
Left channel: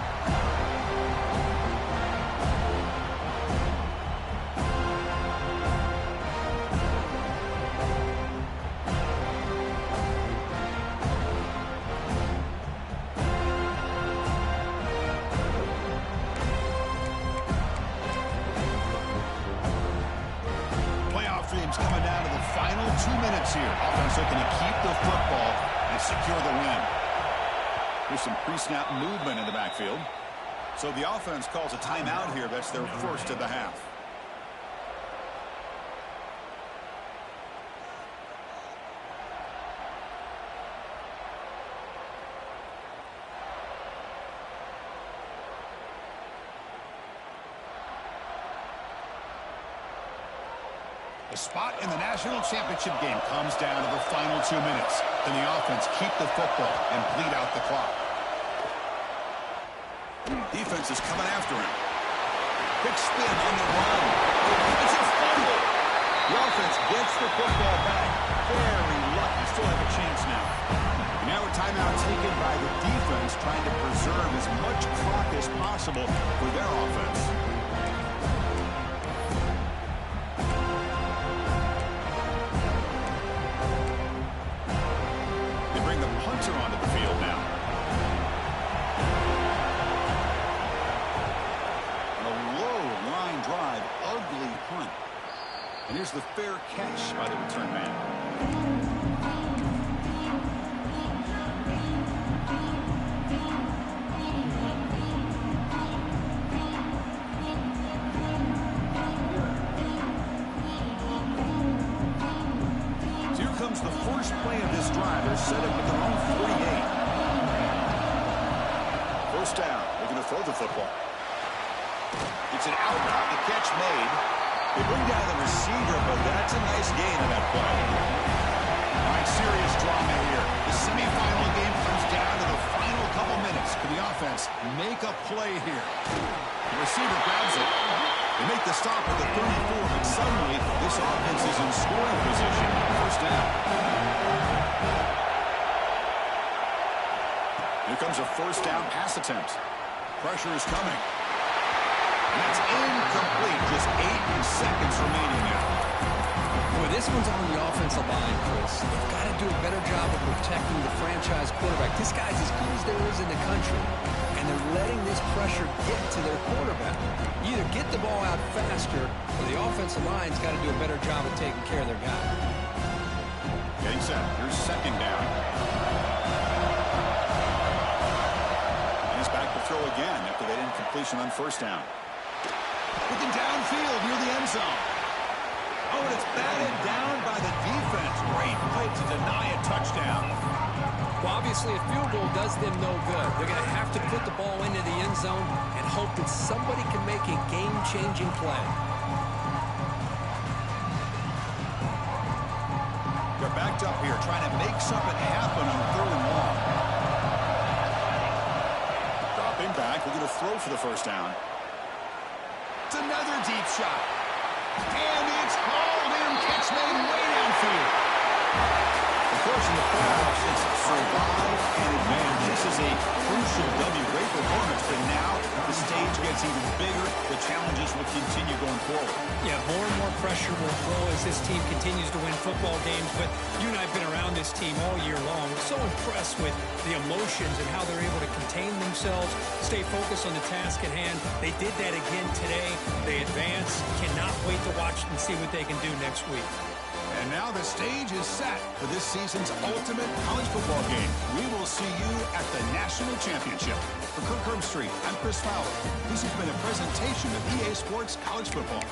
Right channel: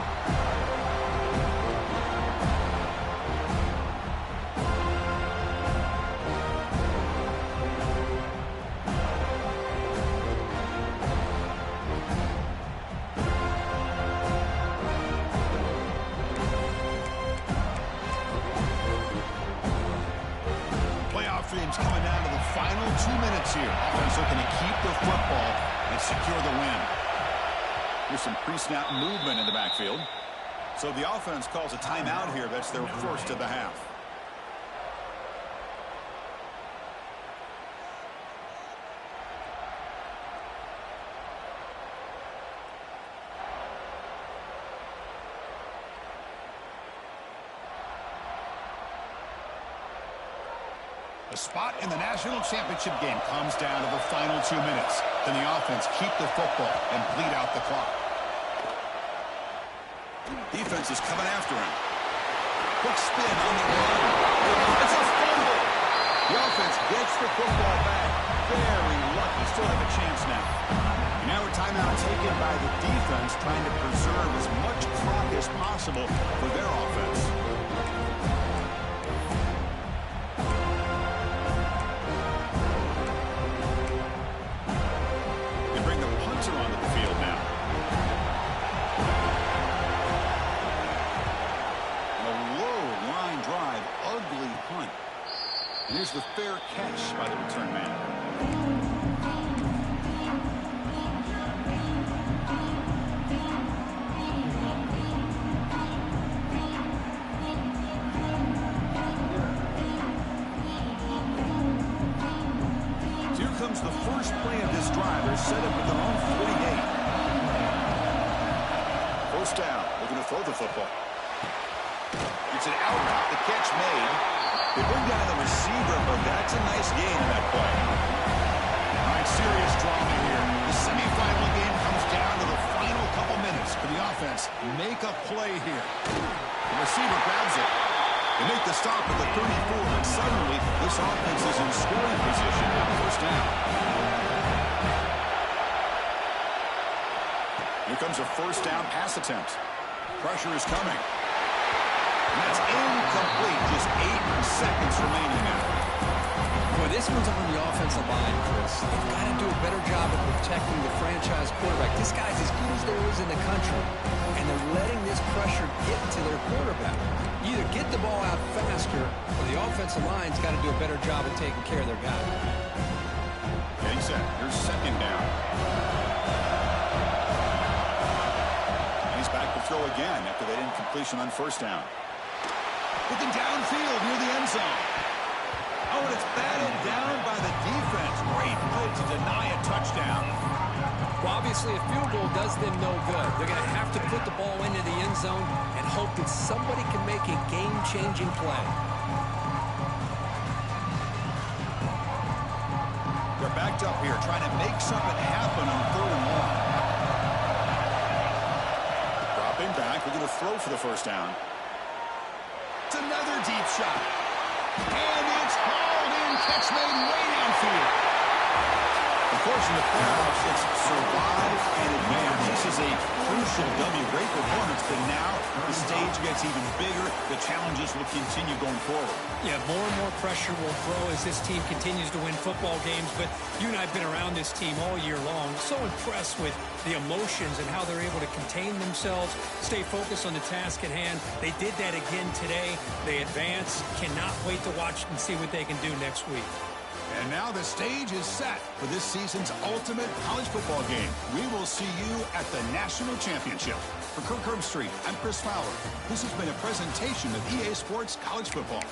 Game's coming down to the final 2 minutes here. Offense looking to keep the football and secure the win. Here's some pre-snap movement in the backfield. So the offense calls a timeout here. That's their first of the half. The spot in the national championship game comes down to the final 2 minutes. Then the offense keep the football and bleed out the clock. Defense is coming after him. Quick spin on the run. It's a fumble. The offense gets the football back. Very lucky. Still have a chance now. And now a timeout taken by the defense, trying to preserve as much clock as possible for their offense. Bring the punter onto the field now. On a low line drive, ugly punt. And here's the fair catch by the return man. Here comes the first play of this drive. They're set up at their own 48. First down. Looking to throw the football. It's an out route. The catch made. They bring down the receiver, but that's a nice gain on that play. All right, serious drama here. The semifinal game comes down to the final couple minutes. Can the offense make a play here? The receiver grabs it. They make the stop at the 34, but suddenly this offense is in scoring position. First down. Here comes a first down pass attempt. Pressure is coming. And that's incomplete. Just 8 seconds remaining now. Boy, this one's on the offensive line, Chris. They've got to do a better job of protecting the franchise quarterback. This guy's as good as there is in the country, and they're letting this pressure get to their quarterback. Either get the ball out faster, or the offensive line's got to do a better job of taking care of their guy. Getting set. Here's second down. And he's back to throw again after that incompletion on first down. Looking downfield near the end zone. Oh, and it's batted down by the defense. Great play to deny a touchdown. Well, obviously, a field goal does them no good. They're going to have to put the ball into the end zone and hope that somebody can make a game-changing play. They're backed up here, trying to make something happen on third and long. Dropping back, we're going to throw for the first down. It's another deep shot. And it's hauled in. Catch made way downfield. Of course, in the playoffs, it's survive and advance. This is a crucial W. Great performance, but now the stage gets even bigger. The challenges will continue going forward. Yeah, more and more pressure will grow as this team continues to win football games, but you and I have been around this team all year long. So impressed with the emotions and how they're able to contain themselves, stay focused on the task at hand. They did that again today. They advance. Cannot wait to watch and see what they can do next week. And now the stage is set for this season's ultimate college football game. We will see you at the National Championship. For Kirk Herbstreit, I'm Chris Fowler. This has been a presentation of EA Sports College Football.